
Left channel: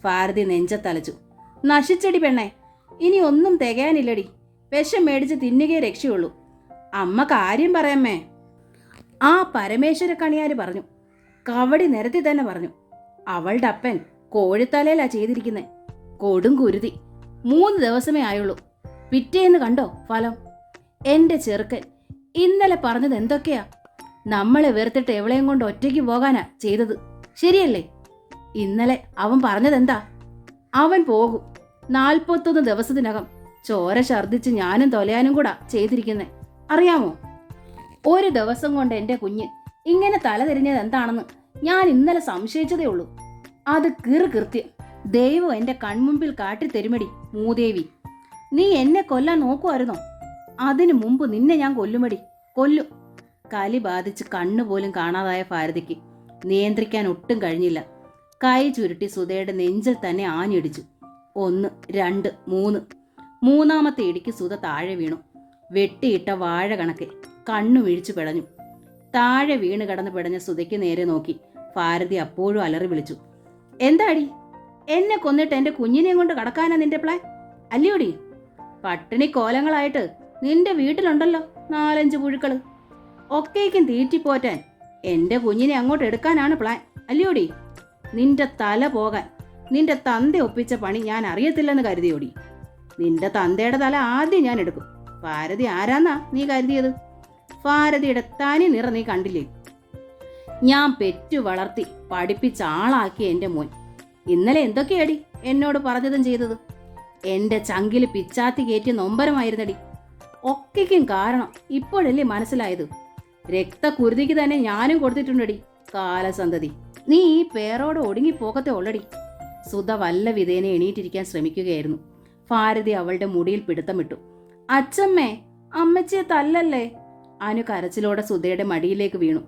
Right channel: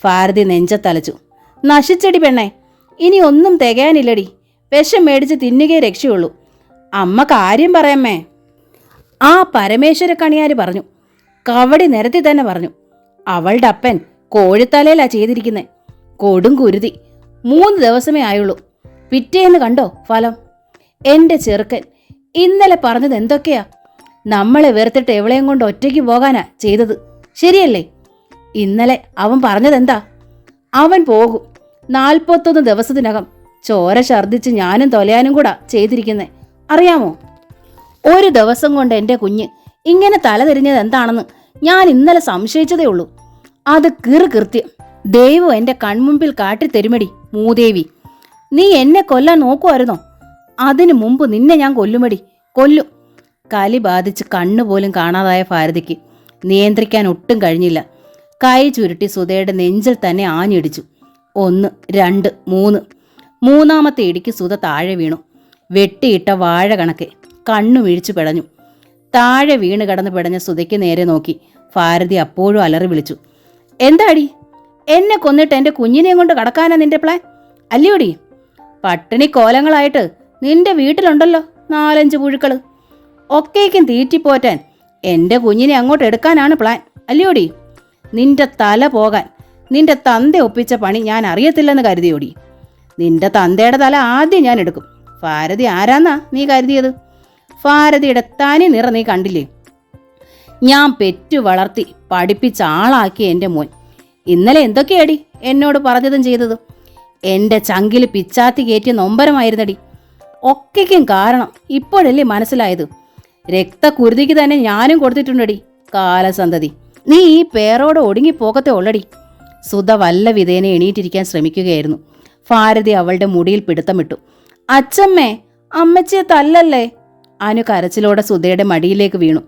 ഭാരതി നെഞ്ചത്തലച്ചു. നശിച്ചടി പെണ്ണേ, ഇനി ഒന്നും തികയാനില്ലടി. വിഷം മേടിച്ച് തിന്നുകയെ രക്ഷയുള്ളൂ. അമ്മ കാര്യം പറയാമ്മേ. ആ പരമേശ്വര കണിയാര് പറഞ്ഞു. കവടി നിരത്തി തന്നെ പറഞ്ഞു. അവളുടെ അപ്പൻ കോഴിത്തലയിലാ ചെയ്തിരിക്കുന്നത്. കൊടും കുരുതി. 3 ദിവസമേ ആയുള്ളൂ. പിറ്റേന്ന് കണ്ടോ ഫലം? എൻ്റെ ചെറുക്കൻ ഇന്നലെ പറഞ്ഞത് എന്തൊക്കെയാ? നമ്മളെ വെറുത്തിട്ട് എവളെയും കൊണ്ട് ഒറ്റയ്ക്ക് പോകാനാ ചെയ്തത്, ശരിയല്ലേ? ഇന്നലെ അവൻ പറഞ്ഞതെന്താ? അവൻ പോകും, 41 ദിവസത്തിനകം ചോര ഛർദ്ദിച്ച് ഞാനും തൊലയാനും കൂടാ ചെയ്തിരിക്കുന്നേ, അറിയാമോ? ഒരു ദിവസം കൊണ്ട് എൻ്റെ കുഞ്ഞ് ഇങ്ങനെ തലതിരിഞ്ഞത് എന്താണെന്ന് ഞാൻ ഇന്നലെ സംശയിച്ചതേ ഉള്ളൂ. അത് കൃത്യം ദൈവം എൻ്റെ കൺമുമ്പിൽ കാട്ടിത്തരുമടി മൂദേവി. നീ എന്നെ കൊല്ലാൻ നോക്കുമായിരുന്നോ? അതിനു മുമ്പ് നിന്നെ ഞാൻ കൊല്ലുമടി, കൊല്ലും. കലി ബാധിച്ച് കണ്ണുപോലും കാണാതായ ഭാരതിക്ക് നിയന്ത്രിക്കാൻ ഒട്ടും കഴിഞ്ഞില്ല. കൈ ചുരുട്ടി സുധയുടെ നെഞ്ചിൽ തന്നെ ആഞ്ഞിടിച്ചു. 1, 2, 3. മൂന്നാമത്തെ ഇടിക്ക് സുധ താഴെ വീണു. വെട്ടിയിട്ട വാഴ കണക്കെ കണ്ണു വീഴ്ചു പിടഞ്ഞു. താഴെ വീണ് കിടന്ന് പിടഞ്ഞ സുധയ്ക്ക് നേരെ നോക്കി ഭാരതി അപ്പോഴും അലറി വിളിച്ചു. എന്താടി, എന്നെ കൊന്നിട്ട് എൻ്റെ കുഞ്ഞിനെയും കൊണ്ട് കടക്കാനാ നിന്റെ പ്ലാൻ അല്ലയോടി? പട്ടിണി കോലങ്ങളായിട്ട് നിന്റെ വീട്ടിലുണ്ടല്ലോ 4-5 പുഴുക്കള്. ഒക്കേക്കും തീറ്റിപ്പോറ്റാൻ എൻ്റെ കുഞ്ഞിനെ അങ്ങോട്ട് എടുക്കാനാണ് പ്ലാൻ അല്ലയോടി? നിന്റെ തല പോകാൻ നിന്റെ തന്ത ഒപ്പിച്ച പണി ഞാൻ അറിയത്തില്ലെന്ന് കരുതിയോടി? നിന്റെ തന്തയുടെ തല ആദ്യം ഞാൻ എടുക്കും. ഭാരതി ആരാന്നാ നീ കരുതിയത്? ഭാരതിയുടെ തനി നിറ നീ കണ്ടില്ലേ? ഞാൻ പെറ്റു വളർത്തി പഠിപ്പിച്ച ആളാക്കിയ എൻ്റെ മോൻ ഇന്നലെ എന്തൊക്കെയാടി എന്നോട് പറഞ്ഞതും ചെയ്തതും? എൻ്റെ ചങ്കിൽ പിച്ചാത്തി കയറ്റിയ നൊമ്പരമായിരുന്നടി. ഒക്കെക്കും കാരണം ഇപ്പോഴല്ലേ മനസ്സിലായത്. രക്തകുരുതിക്ക് തന്നെ ഞാനും കൊടുത്തിട്ടുണ്ടടി കാലസന്തതി. നീ ഈ പേരോട് ഒടുങ്ങിപ്പോകത്തെ ഉള്ളടി. സുധ വല്ല വിധേനെ എണീറ്റിരിക്കാൻ ശ്രമിക്കുകയായിരുന്നു. ഭാരതി അവളുടെ മുടിയിൽ പിടുത്തമിട്ടു. അച്ചമ്മേ, അമ്മച്ചിയെ തല്ലല്ലേ. അനു കരച്ചിലോടെ സുധയുടെ മടിയിലേക്ക് വീണു.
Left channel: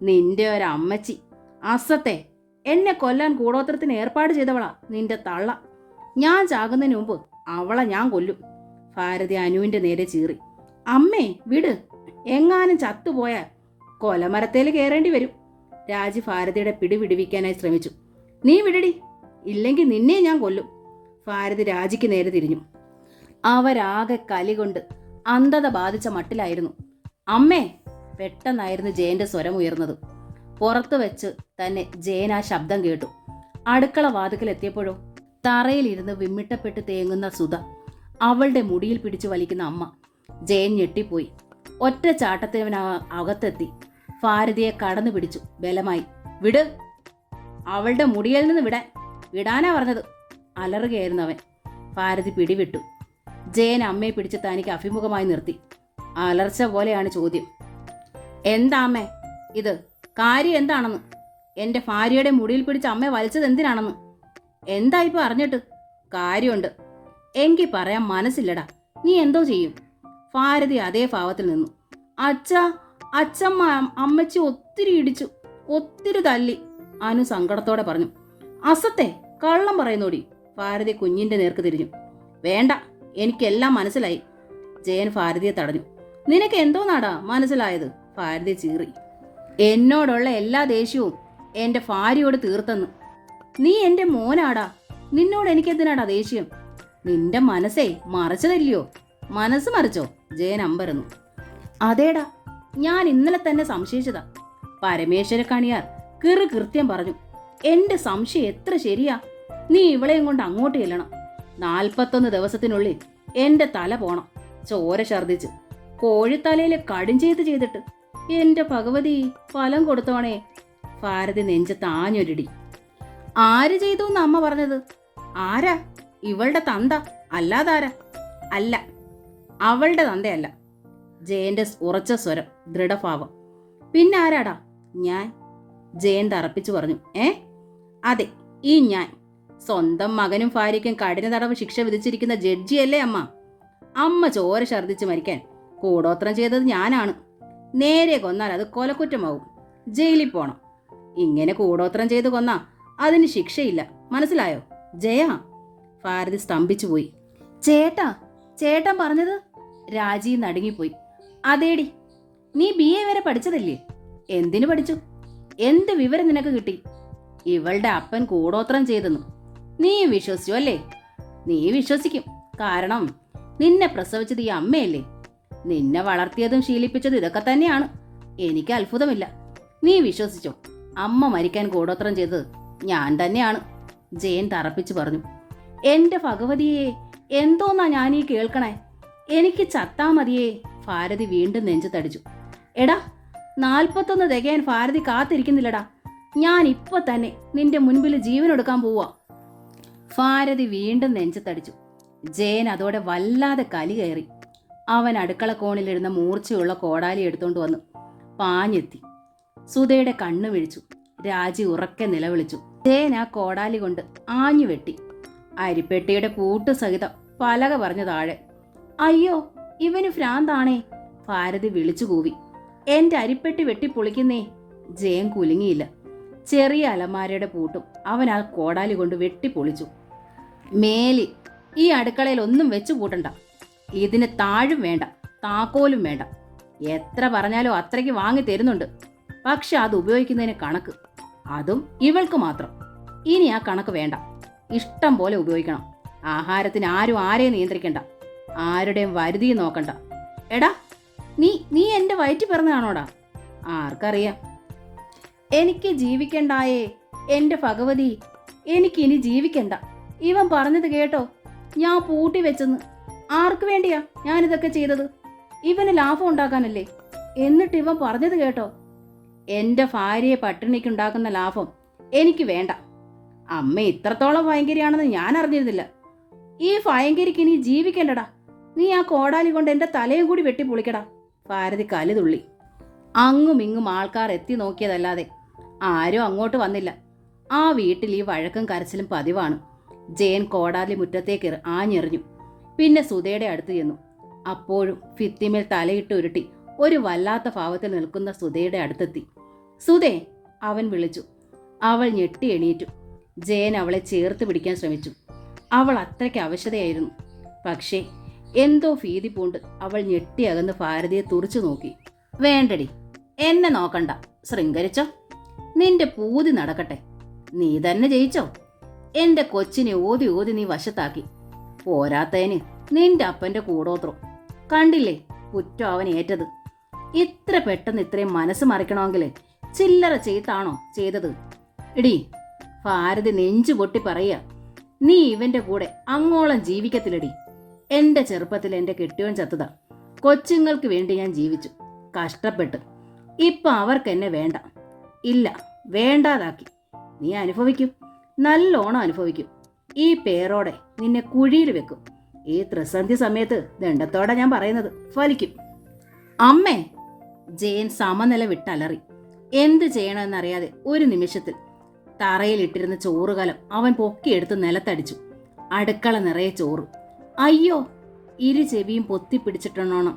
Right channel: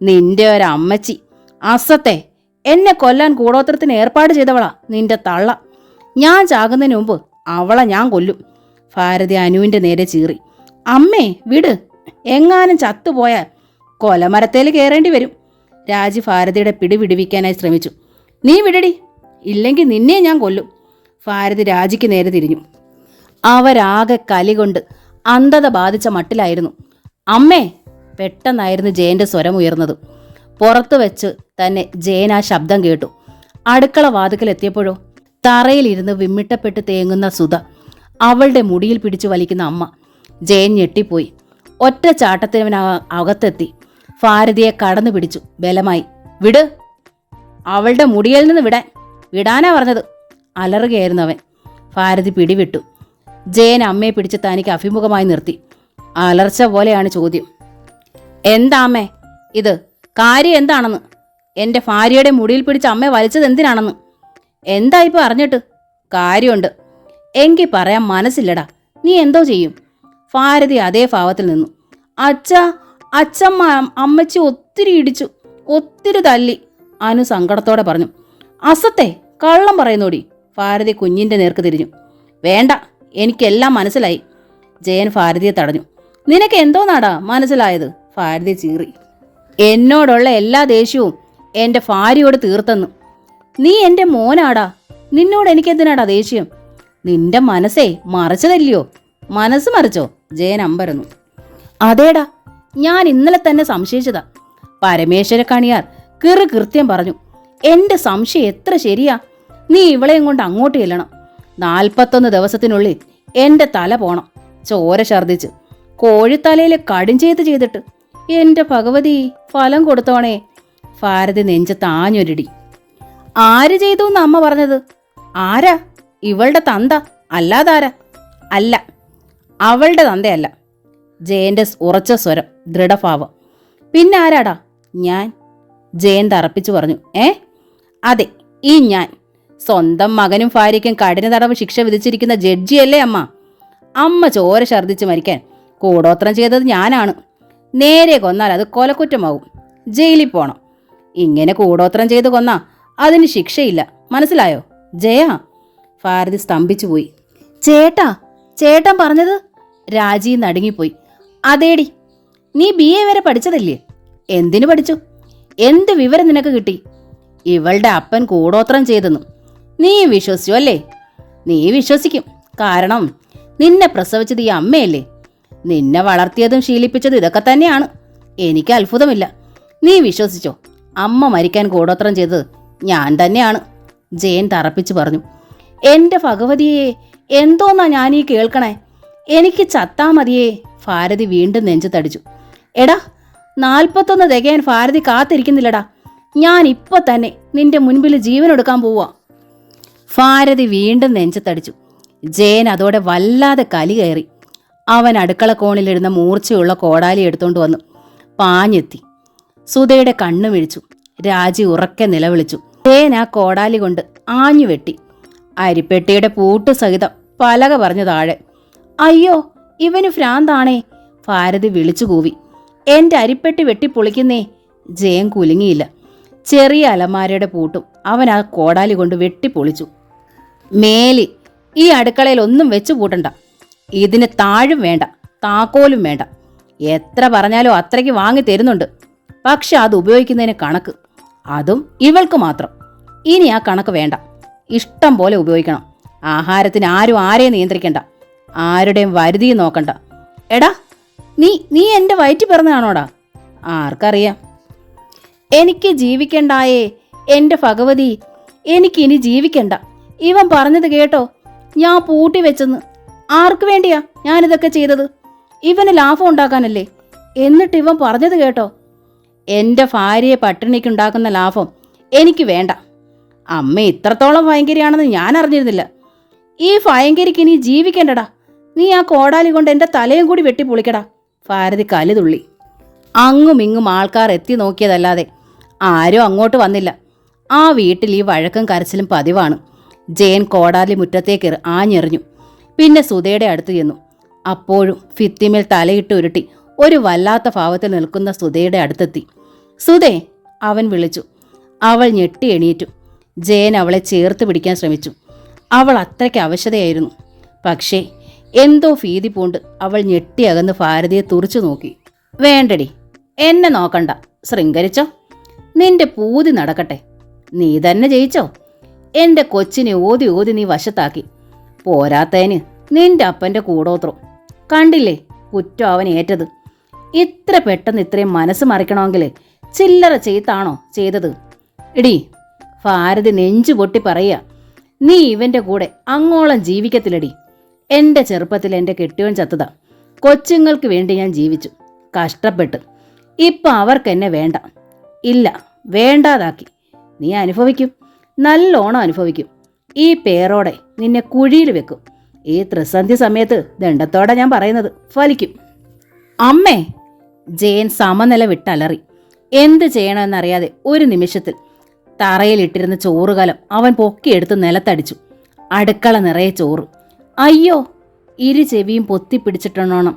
നിന്റെ ഒരമ്മച്ചി അസത്തെ, എന്നെ കൊല്ലാൻ കൂടോത്രത്തിന് ഏർപ്പാട് ചെയ്തവളാ നിന്റെ തള്ള. ഞാൻ ചാകുന്നതിന് മുമ്പ് അവളെ ഞാൻ കൊല്ലും. ഭാരതി അനുവിൻ്റെ നേരെ ചീറി. അമ്മേ വിട്, എങ്ങാനും ചത്തുപോയാൽ കൊലമരത്തേൽ കയറേണ്ടി വരും. രാജി ഭാരതിയുടെ പിടി വിടുവിക്കാനായി ശ്രമിച്ചു. നീ വിടടി, ഇല്ലെങ്കിൽ നിന്നെ ഞാൻ കൊല്ലും. ഭാരതി രാജിക്ക് നേരെ തിരിഞ്ഞു. അവരാകെ കലി കൊണ്ട് അന്ധത ബാധിച്ച മട്ടിലായിരുന്നു. അമ്മേ, പെട്ടെന്നായിരുന്നു ജയന്റെ സ്വരം ഉയർന്നത്. പുറത്തു വെച്ച് തന്നെ ജയൻ ആ ശബ്ദം കേട്ടു. അടുക്കള വാതിക്കലെത്തിയപ്പോഴോ തറയിലിരുന്ന് വിമ്മിട്ടപ്പെട്ട് തേങ്ങുന്ന സുധ, അവളുടെ മുടിയിൽ പിടിച്ചു വലിക്കുന്ന അമ്മ. ജയൻ ഞെട്ടിപ്പോയി. ഒറ്റ ചാട്ടത്തിനകത്തെത്തി ഭാരതിയെ കടന്നു പിടിച്ചു ബലമായി. വിട്, അവളുടെ മുടിയിൽ നിന്ന് വിടാനാ പറഞ്ഞത്. അലറുകയായിരുന്നു അവൻ. ഭാരതി പിടിവിട്ടു. ജയൻ അമ്മയെ പിടിച്ച് തനിക്ക് അഭിമുഖമായി നിർത്തി. അലർച്ച പോലെയാണ് ചോദ്യം. എന്താ അമ്മേ ഇത്? കാര്യം എന്താണെന്ന്? എൻ്റെ ഭാര്യയുടെ മുടിയിൽ പിടിച്ച് അമ്മയെ വലിച്ചത് എന്തിനാണെന്ന്? എന്താ ഇപ്പം അറിഞ്ഞിട്ട്? കാര്യമുണ്ട്. എങ്കിൽ പറയാൻ മനസ്സില്ലടാ. നീ എന്തോ ചെയ്യും? ഭാരതി അതേ ഭാവത്തിൽ നിന്നു. അച്ഛമ്മ അമ്മച്ചി ഒത്തിരി ഇടിച്ചു, ഒത്തിരി തല്ലി. അനു സങ്കടത്തോടെ പറഞ്ഞു. അസത്തെ, കള്ളം പറയുന്നോടി. ഭാരതി കുഞ്ഞിൻ്റെ നേർക്ക് തിരിഞ്ഞു. വേണ്ട, എനിക്കെല്ലാം മനസ്സിലായി. ജയൻ ഭാരതിയെ തടഞ്ഞു. നിനക്ക് എന്തോന്നാടാ മനസ്സിലായത്? ഭാരതി ചീറി. എന്നോടുള്ള എല്ലാ ദേഷ്യവും എൻ്റെ ഭാര്യയോട് തീർത്തെന്ന്. നീ എൻ്റെ മോനാടാ, നിന്നോട് എനിക്കെന്തിനാടാ ദേഷ്യം? നിന്റെ മനസ്സേ മറിച്ചതല്ലയോ? മനസ്സ് മറിച്ചോ? ജയൻ അമ്പരന്നു. അതേടാ, ഞാൻ ഇന്നലെ തന്നെ സംശയിച്ചതാ. പരമേശ്വര കണിയാർ കൃത്യം പറഞ്ഞു. എൻ്റെ സംശയം എത്ര ശരിയാ. നീ ഇവളെയും കൊണ്ട് അങ്ങോട്ട് ചെല്ലണം. 41 ദിവസത്തിനുള്ളിൽ എൻ്റെ തല പോണം. ചോര ഛർദിച്ച് കോഴിത്തലയിൽ കടുംചെയ്ത്ത് ചെയ്തിട്ട്. എൻ്റെ ഭഗവതി, ഫലം കൊടുത്തോണേ. ഭാരതി നെഞ്ചത്ത് ആഞ്ഞൊരിടി. ആര് ചെയ്തു എന്ന് അമ്മ പറഞ്ഞത്? ആരാ? ഇവളുടെ തന്ത അല്ലാതാരാ? അല്ല, അവളുടെ തന്തയല്ല. ജയന്റെ ഉറച്ച സ്വരം, ദൃഢഭാവം. പിന്നെ ആരാടാ? ഞാൻ. ജയൻ തറപ്പിച്ചു പറഞ്ഞു. അതെ, ഈ ഞാൻ. സ്വന്തം മകനും ഭാര്യയ്ക്കും കഠിന തടവ് ശിക്ഷ വിധിച്ചിരിക്കുന്ന ജഡ്ജിയല്ലേ അമ്മ? അമ്മ ചോര ഛർദിച്ച് മരിക്കാൻ കൂടോത്രം ചെയ്തത് ഞാനാണ്. നേരെ കൊന്നാൽ അത് കൊലക്കുറ്റമാവും, ജയിലിൽ പോണം. ഇങ്ങനെ കൂടോത്രം ചെയ്ത് കൊന്നാ അതിന് ശിക്ഷയില്ല, മനസ്സിലായോ? ജയ. ഭാരതി സ്തംഭിച്ചു പോയി. ചേട്ടൻ പറഞ്ഞത്? രാജി നടുങ്ങിപ്പോയി. അതേടി, നീ BA വരെ പഠിച്ചതല്ലേ? എന്തിനു പഠിച്ചു? എന്ത് വിവരം നിനക്ക് കിട്ടി? ഇവളുടെ അപ്പൻ കൂടോത്രം ചെയ്തെന്നു നീ വിശ്വസിച്ചു അല്ലേ? നീ വിശ്വസിക്കും, കാരണം നിന്നെ പ്രസവിച്ചത് ഈ അമ്മയല്ലേ. നിന്നെ വളർത്തിയതും ശീലിപ്പിച്ചതും ഇതൊക്കെ തന്നെയാണ്. എനിക്ക് അത്ഭുതമില്ല. നീ വിശ്വസിച്ചോ? അമ്മ മരിക്കാൻ കൂടോത്രം ചെയ്തത് ഞാൻ തന്നെയാണ്, ജയൻ തറപ്പിച്ചു പറഞ്ഞു. എൻ്റെ ഭഗവതിയെ, എന്തോന്നാ ഞാനീ കേൾക്കണേ? എനിക്ക് ചത്താ മതിയേ. ഭാരതി വീണ്ടും നെഞ്ചു തടിച്ചു. എടാ, 41 തികയാൻ ഭാരതി കാത്തിരിക്കുന്നില്ലടാ. ഞാൻ ഇപ്പൊ തന്നെ നിന്റെ മുൻപിൽ ജീവനെടുക്കാൻ പോവാ. ഭാരതി വീണ്ടും നെഞ്ചു തടിച്ചു. ജയൻ അതോടെ വല്ലാതെ കലി കയറി. അവൻ അടുക്കള കോണിലിരുന്ന മൂർച്ചയുള്ള കോടാലി എടുത്തോണ്ട് വന്നു പാഞ്ഞെത്തി. സുധയുടെ കണ്ണു മിഴിച്ചു. രാജി ഉറക്കെ നിലവിളിച്ചു. ജയൻ ആ കോടാലി കൊണ്ട് ആഞ്ഞു വെട്ടി. അരിപ്പെട്ടിയുടെ പൂട്ട് സഹിതം പലക പറഞ്ഞു താഴെ. അയ്യോ, ഇവന് ഭ്രാന്താണേ, ഭാരതി വിളിച്ചു കൂവി. എൻ്റെ അരിപ്പെട്ടി വെട്ടിപ്പൊളിക്കുന്നേ. ജയൻ കുലുങ്ങിയില്ല. ചെറിയ അലമാരയുടെ പൂട്ടും അവൻ ആ കോടാലി കൊണ്ട് വെട്ടിപ്പൊളിച്ചു. മേലി ഈ അടുക്കളയിൽ ഒന്നും വെച്ചു പൂട്ടണ്ട. ഇതിന് താഴും വേണ്ട, താക്കോലും വേണ്ട. എത്ര പറഞ്ഞാലും അത്രയ്ക്ക് വാങ്ങി തരുന്നുണ്ട്. പക്ഷെ അത് ഉപയോഗിക്കുന്നതിന് കണക്ക്, അതും ഇവൾക്ക് മാത്രം. ഇനി ആ കണക്ക് വേണ്ട, ഇഷ്ടം പോലെ ഉപയോഗിക്കണം. ആഹാരത്തിന് ആരും ആരെയും നിയന്ത്രിക്കണ്ട, ആരുടെയും വരുതി നോക്കണ്ട. എടാ, നീ എൻ്റെ വയറ്റിൽ പിറന്നതാണോടാ? ആർക്കറിയാം. എനിക്ക് ജീവിക്കണ്ടായേ എൻ്റെ ഭഗവതി, എനിക്കിനി ജീവിക്കണ്ട. ഇവൻ പറഞ്ഞത് കേട്ടോ? ഞാൻ പൂട്ടി വെച്ചെന്ന്. ആർക്ക് വേണ്ടിയാ ഞാനിതൊക്കെ ചെയ്തത്? ഇവന് ലാഭം ഉണ്ടാക്കാനല്ലേ? എന്നിട്ട് ഇവൻ പറഞ്ഞത് കേട്ടോ? എൻ്റെ ഭാര്യയെ പട്ടിണിക്കുണ്ടാക്കുന്ന ലാഭം എനിക്ക് വേണ്ട. അമ്മ ഇത്രത്തോളം ഭയങ്കരിയാണെന്ന് ഞാൻ അറിഞ്ഞിരുന്നില്ല. ഈ ഭയങ്കരിക്ക് ഇനി ജീവിക്കണ്ടടാ. നീ ആ കോടാലി കൊണ്ട് എൻ്റെ തലയും കൂടി വെട്ടിപ്പൊളിക്കടാ. ഭാരതി കലിതുള്ളി. അങ്ങും ഇങ്ങും ആൾക്കാർ എത്തി നോക്കിയതല്ലാതെ ആരും അങ്ങോട്ട് വന്നില്ല. ആ വീട്ടിൽ ഈ വഴക്കും കരച്ചിലും പതിവാണ്. ജയൻ കോടാലി മുറ്റത്തേക്ക് ആഞ്ഞെറിഞ്ഞു. പിന്നെ സുധയുടെ അടുത്ത് ചെന്നു. അപ്പോഴും ഭിത്തിമേൽ തലയിട്ട് ഉരുട്ടി ഒരു വല്ലാത്ത ഭാവത്തിൽ നിൽക്കുന്ന സുധയുടെ അടുത്തെത്തി. സുധേ, അവൻ വിളിച്ചു. അവൾ ഞെട്ടി എണീറ്റു. ജയൻ അവളെ ചേർത്ത് പിടിക്കാൻ ശ്രമിച്ചു. അവൾ അത്രയ്ക്ക് അവശതയായിരുന്നു. പക്ഷേ എന്തോ ഭീതി പൂണ്ട് അവൾ ഞെട്ടിയകന്ന് ഭാരതിയെ തുറച്ചു നോക്കി. വേണ്ടടി, എന്നെ നോക്കണ്ട, ശൃംഗരിച്ചോ. നിന്റെ പൂതി നടക്കട്ടെ. നീ തന്നെ ജയിച്ചോ. എൻ്റെ കൊച്ചിനെ ഓതി ഓതി നീ വശത്താക്കി. പോരാത്തതിന് നിന്റെ അപ്പൻ്റെ കൂടോത്രം കണ്ടില്ലേ കുറ്റം അവൻ ഏറ്റത്. ഇത്ര പെട്ടെന്ന് ഇത്രയും മനസ്സ് മറിക്കണമെങ്കിൽ ചില്ലറ ചെയ്താണോ ചെയ്തത്? എടീ, ഭാരതി നെഞ്ചു പൊട്ടി പറയുക, നീ ഇവൻ്റെ കൂടെ അങ്ങോളം ജീവിക്കത്തില്ലടി. എൻ്റെ ചെറുപ്പത്തിൽ എൻ്റെ കെട്ടിയോൻ ചത്തതാ. കൊച്ചുങ്ങൾക്ക് വേണ്ടി ഞാൻ ജീവിച്ചു, കഷ്ടപ്പെട്ട്. ഇപ്പം അവർക്കെന്നെ വേണ്ട. ഇല്ല, വേണ്ടാതാക്കി. നീ അനുഭവിക്കും, നല്ലോണം അനുഭവിക്കും. ഈ പേരോടെ നിന്നെ കുഴിയിൽ വെക്കും. ഈ ത്രിസന്ധി സമയത്ത് ദണ്ഡത്തോടെ ഞാൻ പറയുന്നത് ഫലിക്കും. അമ്മേ! ജയൻ സമനില വിട്ടലറി. എന്ത് ചെയ്യണമെന്നറിയാതെ ഒരു നിമിഷത്തിൽ തറയിലിട്ടിരുന്ന ചോറുകലം അവൻ പൊക്കിയെടുത്ത് നിലത്തടിച്ചു. അടുക്കള നിറയെ ചോറ്. അയ്യോ! ഇരു ചെവിയും പൊത്തിപ്പിടിച്ചിട്ടോണം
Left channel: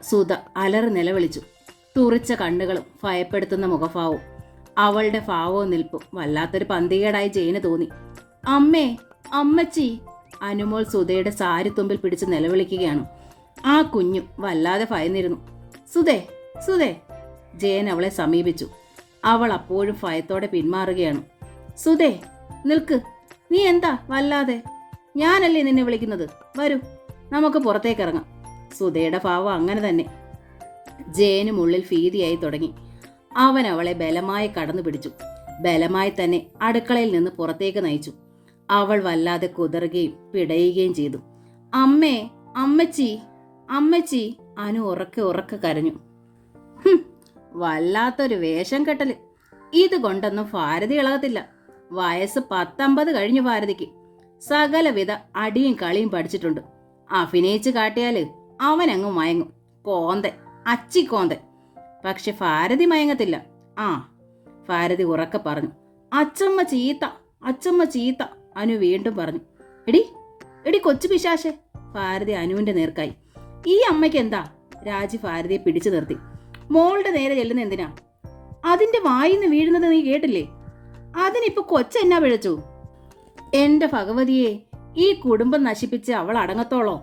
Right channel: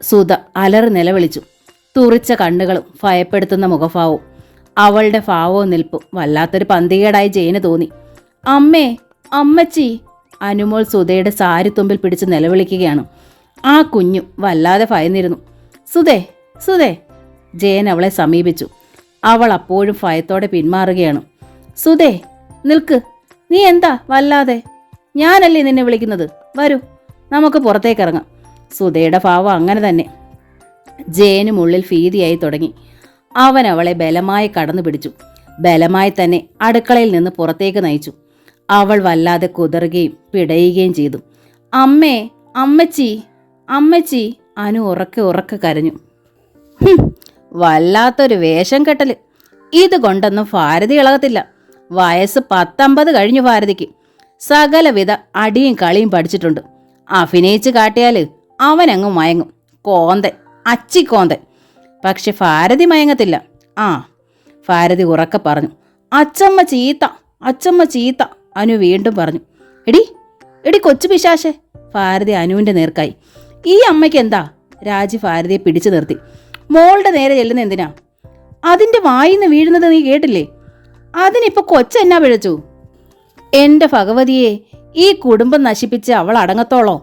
സുധ അലറി നിലവിളിച്ചു. തുറിച്ച കണ്ണുകളും ഭയപ്പെടുത്തുന്ന മുഖഭാവവും. അവളുടെ ഭാവവും നിൽപ്പും വല്ലാത്തൊരു പന്തികേടായി ജയന് തോന്നി. അമ്മേ, അമ്മച്ചി! അനുമോൾ സുധയുടെ സാരിത്തുമ്പിൽ പിടിച്ച് നിലവിളിക്കുകയാണ്. ആ കുഞ്ഞും വല്ലാതെ ഭയന്നിരുന്നു. സുധേ, സുധേ! ജയൻ അവളെ സമീപിച്ചു. അവൾ അപ്പോഴും ഭയത്തോടെ പിന്മാറുകയാണ്. സുധേ, നിൽക്ക്. നീ എന്താ വല്ലാതെ? ഞാനല്ലേ നിന്നെ വിളിക്കുന്നത്. വരൂ, നമുക്ക് പുറത്തേക്കിറങ്ങാം. സുധയുടെ ഭാവം അങ്ങനെ തന്നെ. ജയനും ഉള്ളിൽ ഭീതിയായി തുടങ്ങി. അവൻ അവളെ ബലമായി കടന്നു പിടിച്ചു. ബലമായി തന്നെ അടുക്കളയിൽ നിന്ന് പുറത്തേക്ക് നയിച്ചു. അവൾ വല്ലാതെ കുതറുകയും പിടയുകയും ചെയ്തു. അമ്മേ, അമ്മച്ചി, അമ്മച്ചി, അനു ഉറക്കെ കരഞ്ഞു. വല്ലാത്തൊരു വേഷം കെട്ടല്. ഇത് കൊണ്ടൊന്നും ഭാരതി ഇളകത്തില്ല. വയസ്സ് 19 കഴിഞ്ഞു ഭാരതിക്ക്. സകലവിധ അടിയും കളിയും പഠിച്ചിട്ടുണ്ട്. അഭിനയിച്ച് കാട്ടിയാൽ അവനങ്ങ് മയങ്ങും. കോന്തൻ, അച്ചിക്കോന്തൻ. പക്ഷെ ഭാരതി മയങ്ങത്തില്ല. ആ, ഭാരതി ഉറക്കെ പറഞ്ഞു. അച്ചമ്മ ചീത്ത, അച്ചമ്മ ചീത്ത. അനു വീണ്ടും പറഞ്ഞു. എടി എടി കൊച്ചു പിശാശെ. ഭാരതി അനുവിൻ്റെ നേർക്കായി. ഈ അമ്മയ്ക്ക് എന്താ? രാജി ഭാരതിയെ പിടിച്ചു നിർത്തി. മോളുടെ നേരെ ചെല്ലുന്ന എന്തിനാ? അതിൻ്റെ വായിന്ന് വീഴുന്നത് നീ കേട്ടില്ലേ? അതിനിപ്പോൾ കൊച്ചെന്നാ പിഴച്ചു? എൻ്റെ ഭഗവതിയെ, ഈ കുടുംബം നശിപ്പിച്ച് അവൾ അടങ്ങത്തോളോ?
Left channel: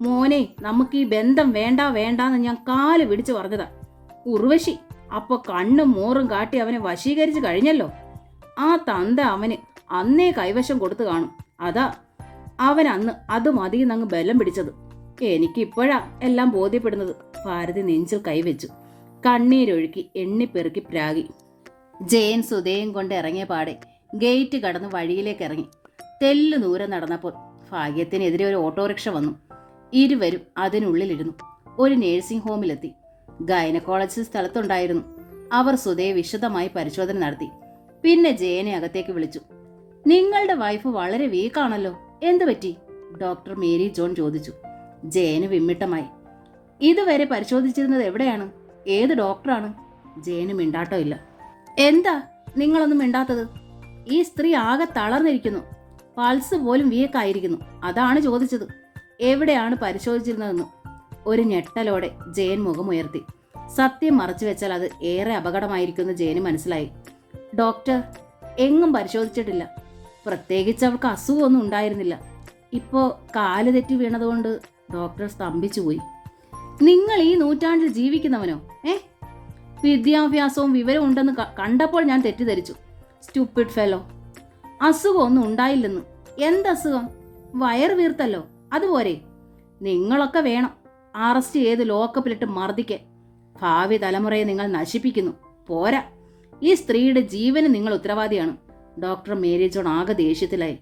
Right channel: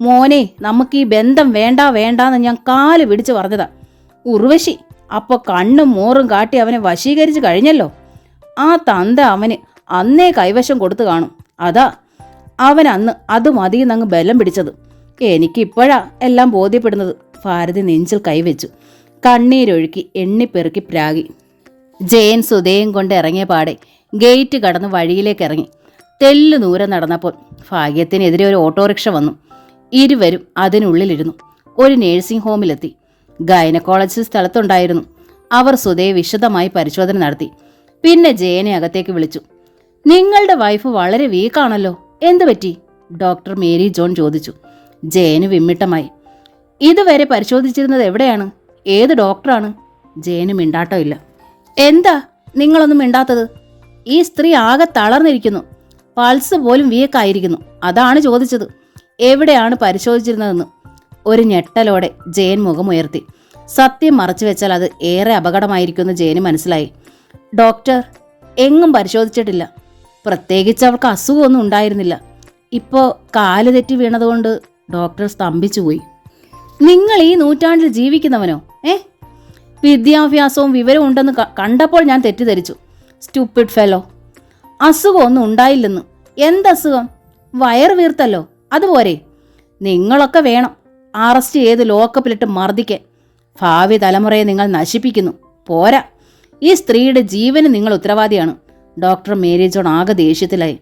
മോനെ, നമുക്ക് ഈ ബന്ധം വേണ്ട വേണ്ടാന്ന് ഞാൻ കാല് പിടിച്ച് പറഞ്ഞതാ. ഉർവശി അപ്പോൾ കണ്ണും മോറും കാട്ടി അവനെ വശീകരിച്ച് കഴിഞ്ഞല്ലോ. ആ തന്ത അവന് അന്നേ കൈവശം കൊടുത്തു കാണും. അതാ അവൻ അന്ന് അത് മതിയെന്നങ്ങ് ബലം പിടിച്ചത്. എനിക്കിപ്പോഴാ എല്ലാം ബോധ്യപ്പെടുന്നത്. ഭാരതി നെഞ്ചിൽ കൈവച്ചു. കണ്ണീരൊഴുക്കി എണ്ണിപ്പെറുക്കി പ്രാഗി. ജയൻ സുധയും കൊണ്ട് ഇറങ്ങിയ പാടെ ഗേറ്റ് കടന്ന് വഴിയിലേക്ക് ഇറങ്ങി. തെല്ലു ദൂരം നടന്നപ്പോൾ ഭാഗ്യത്തിനെതിരെ ഒരു ഓട്ടോറിക്ഷ വന്നു. ഇരുവരും അതിനുള്ളിലിരുന്നു. ഒരു നേഴ്സിംഗ് ഹോമിലെത്തി. ഗൈനക്കോളജിസ്റ്റ് സ്ഥലത്തുണ്ടായിരുന്നു. അവർ സുധയെ വിശദമായി പരിശോധന നടത്തി. പിന്നെ ജയനെ അകത്തേക്ക് വിളിച്ചു. നിങ്ങളുടെ വൈഫ് വളരെ വീക്കാണല്ലോ, എന്തു പറ്റി? ഡോക്ടർ മേരി ജോൺ ചോദിച്ചു. ജയന് വിമ്മിട്ടമായി. ഇതുവരെ പരിശോധിച്ചിരുന്നത് എവിടെയാണ്? ഏത് ഡോക്ടറാണ്? ജയന് മിണ്ടാട്ടമില്ല. എന്താ നിങ്ങളൊന്നും മിണ്ടാത്തത്? ഈ സ്ത്രീ ആകെ തളർന്നിരിക്കുന്നു. പൾസ് പോലും വീക്കായിരിക്കുന്നു. അതാണ് ചോദിച്ചത്. എവിടെയാണ് പരിശോധിച്ചിരുന്നതെന്ന്. ഒരു ഞെട്ടലോടെ ജയൻ മുഖമുയർത്തി. സത്യം മറച്ചു വെച്ചാൽ അത് ഏറെ അപകടമായിരിക്കുമെന്ന് ജയന് മനസ്സിലായി. ഡോക്ടർ, എങ്ങും പരിശോധിച്ചിട്ടില്ല. പ്രത്യേകിച്ച് അവൾക്ക് അസുഖമൊന്നും ഉണ്ടായിരുന്നില്ല. ഇപ്പോൾ കാല് തെറ്റി വീണതുകൊണ്ട് ഡോക്ടർ സ്തംഭിച്ചുപോയി. നിങ്ങൾ ഈ നൂറ്റാണ്ടിൽ ജീവിക്കുന്നവനോ? വിദ്യാഭ്യാസവും വിവരവും ഉണ്ടെന്ന് കണ്ടപ്പോൾ ഞാൻ തെറ്റിദ്ധരിച്ചു. Stupid fellow. അസുഖമൊന്നും ഉണ്ടായില്ലെന്ന്. എന്തസുഖം? വയറ് വീർത്തല്ലോ, അതുപോരെ? നിങ്ങളൊക്കെ വേണം അറസ്റ്റ് ചെയ്ത് ലോക്കപ്പിലിട്ട് മർദ്ദിക്കാൻ. ഭാവി തലമുറയെ നിങ്ങൾ നശിപ്പിക്കുന്നു. പോരാ, ഈ സ്ത്രീയുടെ ജീവന് നിങ്ങൾ ഉത്തരവാദിയാണ്. ഡോക്ടർ മേരി ജോൺ ആകെ ദേഷ്യത്തിലായി.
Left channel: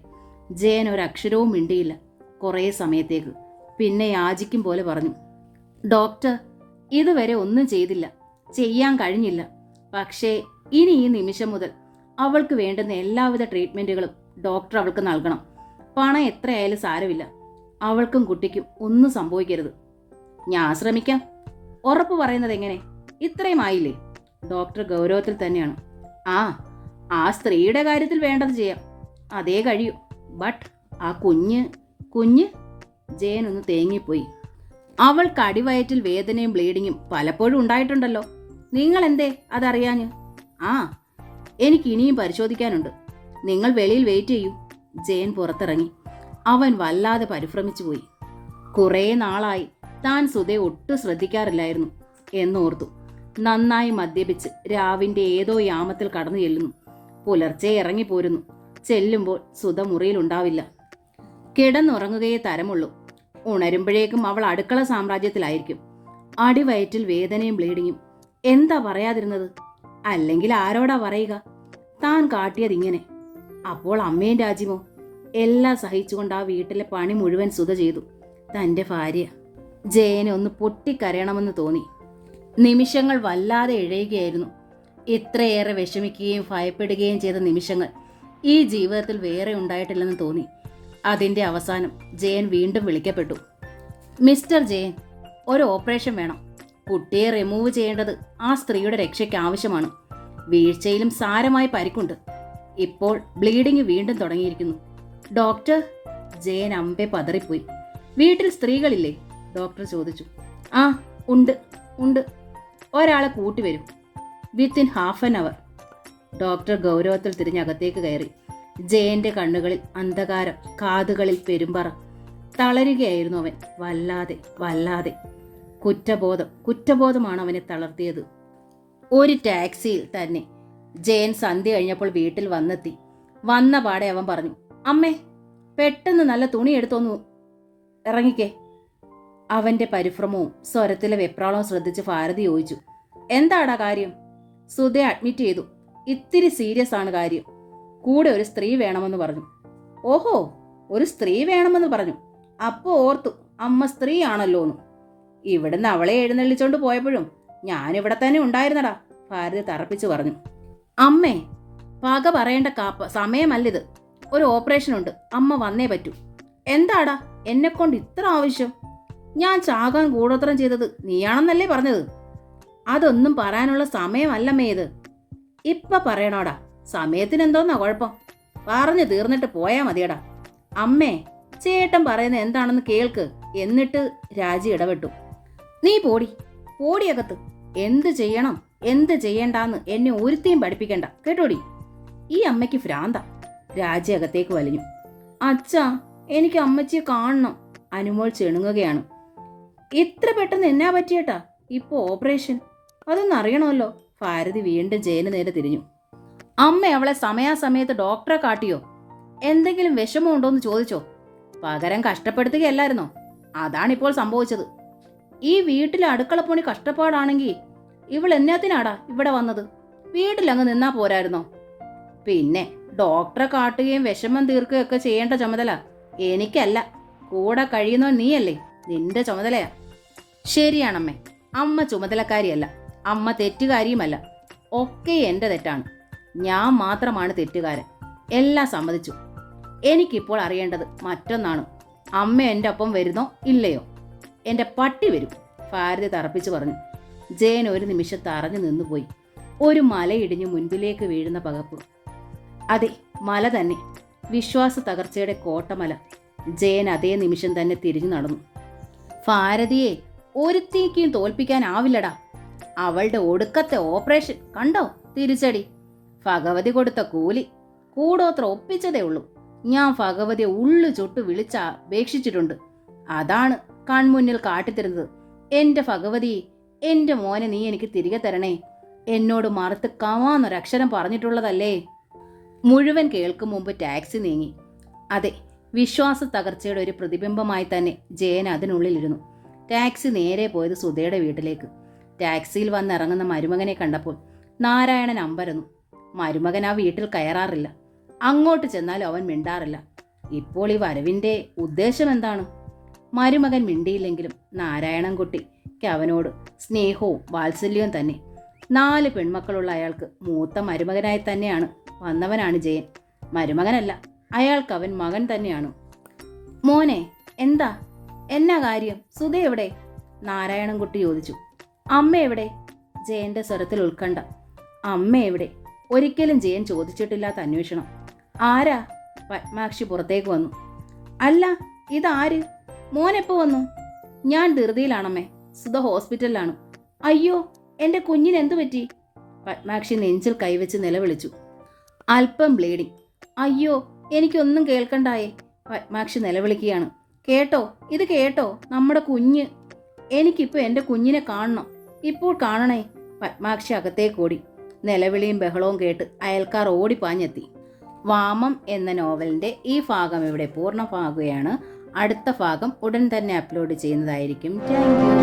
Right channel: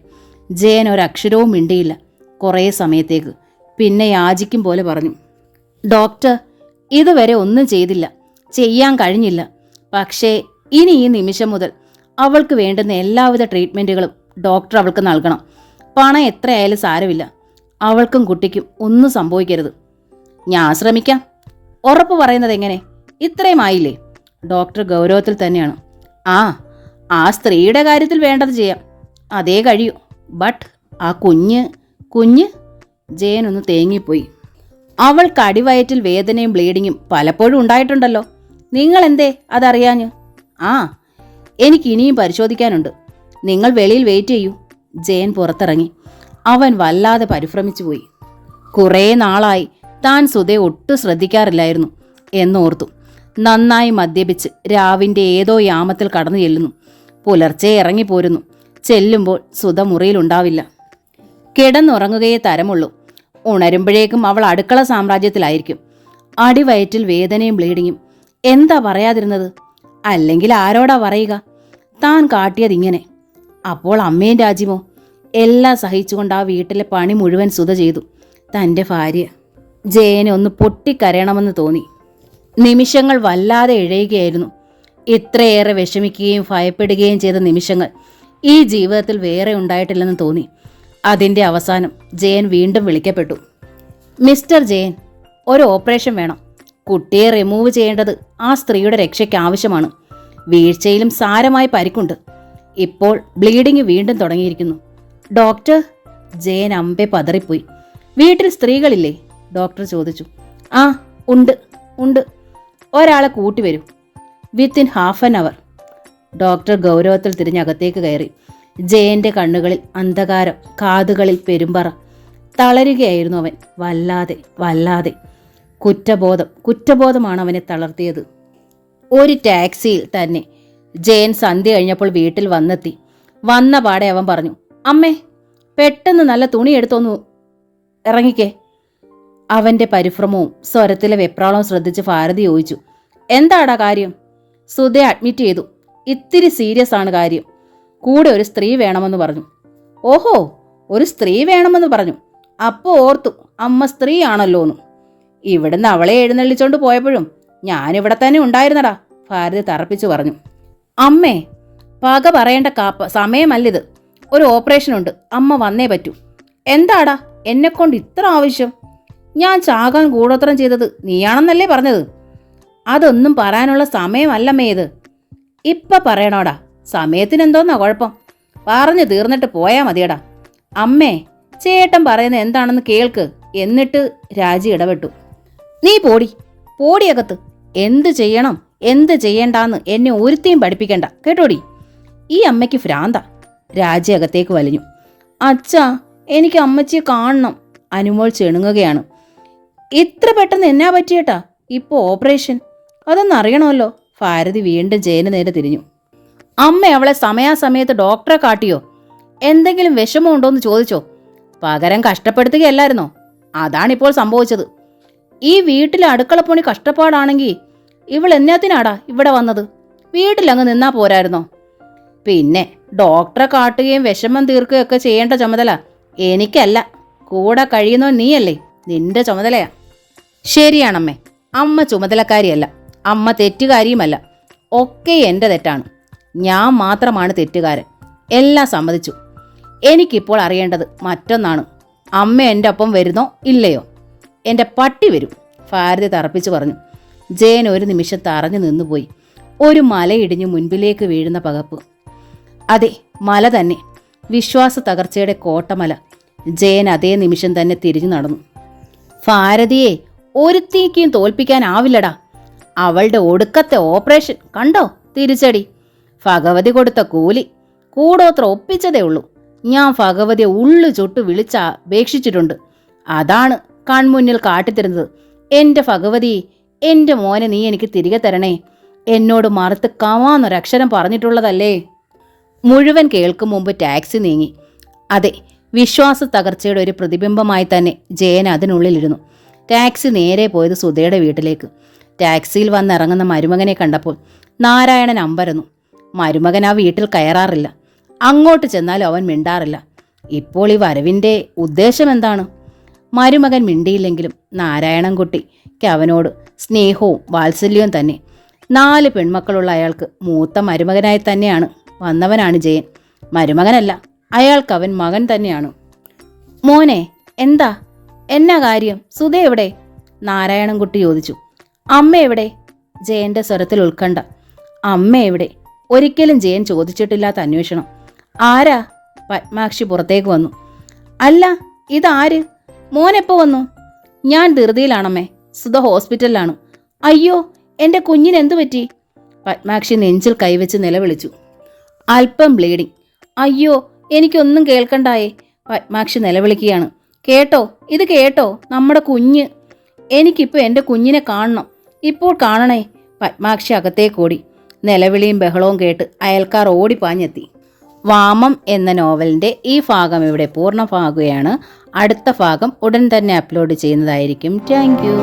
ജയൻ ഒരക്ഷരവും മിണ്ടിയില്ല കുറേ സമയത്തേക്ക്. പിന്നെ യാചിക്കും പോലെ പറഞ്ഞു. ഡോക്ടർ, ഇതുവരെ ഒന്നും ചെയ്തില്ല, ചെയ്യാൻ കഴിഞ്ഞില്ല. പക്ഷേ ഇനി ഈ നിമിഷം മുതൽ അവൾക്ക് വേണ്ടുന്ന എല്ലാവിധ ട്രീറ്റ്മെൻറ്റുകളും ഡോക്ടർ അവൾക്ക് നൽകണം. പണം എത്രയായാലും സാരമില്ല. അവൾക്കും കുട്ടിക്കും ഒന്നും സംഭവിക്കരുത്. ഞാൻ ശ്രമിക്കാം. ഉറപ്പ് പറയുന്നത് എങ്ങനെ? ഇത്രയും ആയില്ലേ? ഡോക്ടർ ഗൗരവത്തിൽ തന്നെയാണ്. ആ സ്ത്രീയുടെ കാര്യത്തിൽ വേണ്ടത് ചെയ്യാം, അതേ കഴിയൂ. ബട്ട് ആ കുഞ്ഞ് ജയൻ ഒന്ന് തേങ്ങിപ്പോയി. അവൾക്ക് അടിവയറ്റിൽ വേദനയും ബ്ലീഡിങ്ങും പലപ്പോഴും ഉണ്ടായിട്ടുണ്ടല്ലോ. നിങ്ങൾ എന്തേ അതറിയാഞ്ഞ്? എനിക്ക് ഇനിയും പരിശോധിക്കാനുണ്ട്. നിങ്ങൾ വെളിയിൽ വെയിറ്റ് ചെയ്യൂ. ജയൻ പുറത്തിറങ്ങി. അവൻ വല്ലാതെ പരിഭ്രമിച്ചു പോയി. കുറേ നാളായി താൻ സുധയെ ഒട്ടും ശ്രദ്ധിക്കാറില്ലായിരുന്നു എന്നോർത്തു. നന്നായി മദ്യപിച്ച് രാവിൻ്റെ ഏതോ യാമത്തിൽ കടന്നു ചെല്ലുന്നു. പുലർച്ചെ ഇറങ്ങിപ്പോരുന്നു. ചെല്ലുമ്പോൾ സുധ മുറിയിലുണ്ടാവില്ല. കിടന്നുറങ്ങുകയേ തരമുള്ളൂ. ഉണരുമ്പോഴേക്കും അവൾ അടുക്കള സാമ്രാജ്യത്തിലായിരിക്കും. അടിവയറ്റിൽ വേദനയും ബ്ലീഡിങ്ങും. എന്താ പറയാതിരുന്നത്? അല്ലെങ്കിൽ ആരോടാ പറയുക? താൻ കാട്ടിയതിങ്ങനെ. അപ്പോൾ അമ്മയും രാജ്യമോ? എല്ലാം സഹിച്ചുകൊണ്ട് ആ വീട്ടിലെ പണി മുഴുവൻ സുധ ചെയ്തു. തൻ്റെ ഭാര്യ. ജയനെ ഒന്ന് പൊട്ടിക്കരയണമെന്ന് തോന്നി. നിമിഷങ്ങൾ വല്ലാതെ ഇഴയുകയായിരുന്നു. ഇത്രയേറെ വിഷമിക്കുകയും ഭയപ്പെടുകയും ചെയ്ത നിമിഷങ്ങൾ ഈ ജീവിതത്തിൽ വേറെ ഉണ്ടായിട്ടില്ലെന്ന് തോന്നി. അതിൻ്റെ അവസാനം ജയൻ വീണ്ടും വിളിക്കപ്പെട്ടു. മിസ്റ്റർ ജയൻ, ഒരു ഓപ്പറേഷൻ വേണം. കുട്ടിയെ റിമൂവ് ചെയ്യേണ്ടത് ആ സ്ത്രീയുടെ രക്ഷയ്ക്ക് ആവശ്യമാണ്. വീഴ്ചയിലും സാരമായ പരിക്കുണ്ട്. ഇപ്പോൾ ബ്ലീഡിങ് വീണ്ടും തുടങ്ങിയിരിക്കുന്നു. ഡോക്ടർ, ജയൻ അമ്പെ പതറിപ്പോയി. വീട്ടിൽ സ്ത്രീകളില്ലേ? ഡോക്ടർ ചോദിച്ചു. ഉണ്ട്. ഒരാളെ കൂട്ടിവരും. Within half an hour. Doctor ഗൗരവത്തിൽ തിരിഞ്ഞകത്തേക്ക് കയറി. ജയന്റെ കണ്ണുകളിൽ അന്ധകാരം, കാതുകളിൽ പെരുമ്പറ. തളരുകയായിരുന്നു അവൻ. വല്ലാതെ കുറ്റബോധമാണ് അവനെ തളർത്തിയത്. ഒരു ടാക്സിയിൽ തന്നെ ജയൻ സന്ധ്യ കഴിഞ്ഞപ്പോൾ വീട്ടിൽ വന്നെത്തി. വന്ന പാടെ അവൻ പറഞ്ഞു, അമ്മേ പെട്ടെന്ന് നല്ല തുണി എടുത്തൊന്നു ഇറങ്ങിക്കേ. അവന്റെ പരിഭ്രമവും സ്വരത്തിലെ വെപ്രാളവും ശ്രദ്ധിച്ച് ഭാരതി ചോദിച്ചു, എന്താടാ കാര്യം? സുധയെ അഡ്മിറ്റ് ചെയ്തു. ഇത്തിരി സീരിയസ് ആണ് കാര്യം. കൂടെ ഒരു സ്ത്രീ വേണമെന്ന് പറഞ്ഞു. ഓഹോ, ഒരു സ്ത്രീ വേണമെന്ന് പറഞ്ഞു. അപ്പോൾ ഓർത്തു അമ്മ സ്ത്രീ ആണല്ലോന്ന്. ഇവിടുന്ന് അവളെ എഴുന്നള്ളിച്ചോണ്ട് പോയപ്പോഴും ഞാനിവിടെ തന്നെ ഉണ്ടായിരുന്നടാ, ഭാരതി തറപ്പിച്ചു പറഞ്ഞു. അമ്മേ, പക പറയേണ്ട സമയമല്ലിത്. ഒരു ഓപ്പറേഷൻ ഉണ്ട്, അമ്മ വന്നേ പറ്റൂ. എന്താടാ എന്നെക്കൊണ്ട് ഇത്ര ആവശ്യം? ഞാൻ ചാകാൻ കൂടോത്രം ചെയ്തത് നീയാണെന്നല്ലേ പറഞ്ഞത്? അതൊന്നും പറയാനുള്ള സമയമല്ലമ്മേ ഇത്. ഇപ്പം പറയണോടാ, സമയത്തിനെന്തോന്നാ കുഴപ്പം? പറഞ്ഞു തീർന്നിട്ട് പോയാൽ മതിയടാ. അമ്മേ, ചേട്ടൻ പറയുന്നത് എന്താണെന്ന് കേൾക്ക്. എന്നിട്ട് രാജി ഇടപെട്ടു. നീ പോടിയകത്ത്. എന്ത് ചെയ്യണം എന്ത് ചെയ്യണ്ടാന്ന് എന്നെ ഒരുത്തിയും പഠിപ്പിക്കണ്ട കേട്ടോടി. ഈ അമ്മയ്ക്ക് ഭ്രാന്ത. രാജി അകത്തേക്ക് വലിഞ്ഞു. അച്ഛാ, എനിക്ക് അമ്മച്ചിയെ കാണണം. അനുമോൾ ചെണുങ്ങുകയാണ്. ഇത്ര പെട്ടെന്ന് എന്നാ പറ്റിയേട്ടാ ഇപ്പോൾ ഓപ്പറേഷൻ? അതൊന്നും അറിയണമല്ലോ. ഭാരതി വീണ്ടും ജയന് നേരെ തിരിഞ്ഞു. അമ്മ അവളെ സമയാസമയത്ത് ഡോക്ടറെ കാട്ടിയോ? എന്തെങ്കിലും വിഷമമുണ്ടോയെന്ന് ചോദിച്ചോ? പകരം കഷ്ടപ്പെടുത്തുകയല്ലായിരുന്നോ? അതാണിപ്പോൾ സംഭവിച്ചത്. ഈ വീട്ടിലെ അടുക്കളപ്പണി കഷ്ടപ്പാടാണെങ്കിൽ ഇവൾ എന്നാത്തിനാടാ ഇവിടെ വന്നത്? വീട്ടിലങ്ങ് നിന്നാ പോരായിരുന്നോ? പിന്നെ ഡോക്ടറെ കാട്ടുകയും വിഷമം തീർക്കുകയൊക്കെ ചെയ്യേണ്ട ചുമതല എനിക്കല്ല, കൂടെ കഴിയുന്നോ നീയല്ലേ, നിന്റെ ചുമതലയാ. ശരിയാണമ്മേ, അമ്മ ചുമതലക്കാരിയല്ല, അമ്മ തെറ്റുകാരിയുമല്ല. ഒക്കെ എൻ്റെ തെറ്റാണ്. ഞാൻ മാത്രമാണ് തെറ്റുകാരൻ. എല്ലാം സമ്മതിച്ചു. എനിക്കിപ്പോൾ അറിയേണ്ടത് മറ്റൊന്നാണ്. അമ്മ എൻ്റെ ഒപ്പം വരുന്നോ ഇല്ലയോ? എൻ്റെ പട്ടി വരും, ഭാരതി തറപ്പിച്ചു പറഞ്ഞു. ജയൻ ഒരു നിമിഷം തറഞ്ഞു നിന്നുപോയി. ഒരു മലയിടിഞ്ഞു മുൻപിലേക്ക് വീഴുന്ന പകപ്പ്. അതെ, മല തന്നെ. വിശ്വാസ തകർച്ചയുടെ കോട്ടമല. ജയൻ അതേ നിമിഷം തന്നെ തിരിഞ്ഞു നടന്നു. ഭാരതിയെ ഒരുത്തിക്കും തോൽപ്പിക്കാനാവില്ലടാ. അവളുടെ ഒടുക്കത്തെ ഓപ്പറേഷൻ കണ്ടോ? തിരിച്ചടി. ഭഗവതി കൊടുത്ത കൂലി. കൂടോത്ര ഒപ്പിച്ചതേ ഉള്ളൂ. ഞാൻ ഭഗവതിയെ ഉള്ളു ചുട്ടു വിളിച്ചപേക്ഷിച്ചിട്ടുണ്ട്. അതാണ് കൺമുന്നിൽ കാട്ടിത്തരുന്നത്. എൻ്റെ ഭഗവതി, എൻ്റെ മോനെ നീ എനിക്ക് തിരികെ തരണേ. എന്നോട് മറുത്ത് കവാന്നൊരക്ഷരം പറഞ്ഞിട്ടുള്ളതല്ലേ. മുഴുവൻ കേൾക്കും മുമ്പ് ടാക്സി നീങ്ങി. അതെ, വിശ്വാസ തകർച്ചയുടെ ഒരു പ്രതിബിംബമായി തന്നെ ജയൻ അതിനുള്ളിലിരുന്നു. ടാക്സി നേരെ പോയത് സുധയുടെ വീട്ടിലേക്ക്. ടാക്സിയിൽ വന്നിറങ്ങുന്ന മരുമകനെ കണ്ടപ്പോൾ നാരായണൻ അമ്പരന്നു. മരുമകൻ ആ വീട്ടിൽ കയറാറില്ല. അങ്ങോട്ട് ചെന്നാലും അവൻ മിണ്ടാറില്ല. ഇപ്പോൾ ഈ വരവിൻ്റെ ഉദ്ദേശം എന്താണ്? മരുമകൻ മിണ്ടിയില്ലെങ്കിലും നാരായണൻകുട്ടിക്ക് അവനോട് സ്നേഹവും വാത്സല്യവും തന്നെ. 4 പെൺമക്കളുള്ള അയാൾക്ക് മൂത്ത മരുമകനായി തന്നെയാണ് വന്നവനാണ് ജയൻ. മരുമകനല്ല, അയാൾക്ക് അവൻ മകൻ തന്നെയാണ്. മോനെ, എന്നാ കാര്യം? സുധ എവിടെ? നാരായണൻകുട്ടി ചോദിച്ചു. അമ്മ എവിടെ? ജയന്റെ സ്വരത്തിൽ ഉത്കണ്ഠ. അമ്മ എവിടെ? ഒരിക്കലും ജയൻ ചോദിച്ചിട്ടില്ലാത്ത അന്വേഷണം. ആരാ? പത്മാക്ഷി പുറത്തേക്ക് വന്നു. അല്ല, ഇതാര്? മോനെപ്പോ വന്നു? ഞാൻ ധൃതിയിലാണമ്മേ. സുധ ഹോസ്പിറ്റലിലാണ്. അയ്യോ, എൻ്റെ കുഞ്ഞിനെന്തു പറ്റി? പത്മാക്ഷി നെഞ്ചിൽ കൈവച്ച് നിലവിളിച്ചു. അല്പം ബ്ലീഡിങ്. അയ്യോ, എനിക്കൊന്നും കേൾക്കണ്ടായേ. പത്മാക്ഷി നിലവിളിക്കുകയാണ്. കേട്ടോ, ഇത് കേട്ടോ, നമ്മുടെ കുഞ്ഞ്. എനിക്കിപ്പോൾ എൻ്റെ കുഞ്ഞിനെ കാണണം. ഇപ്പോൾ കാണണേ. പത്മാക്ഷി അകത്തേക്കോടി. നിലവിളിയും ബഹളവും കേട്ട് അയൽക്കാർ ഓടിപ്പാഞ്ഞെത്തി. വാമം എന്ന നോവലിൻ്റെ ഈ ഭാഗം ഇവിടെ പൂർണ്ണമാകുകയാണ്. അടുത്ത ഭാഗം ഉടൻ തന്നെ അപ്ലോഡ് ചെയ്യുന്നതായിരിക്കും. Thank you.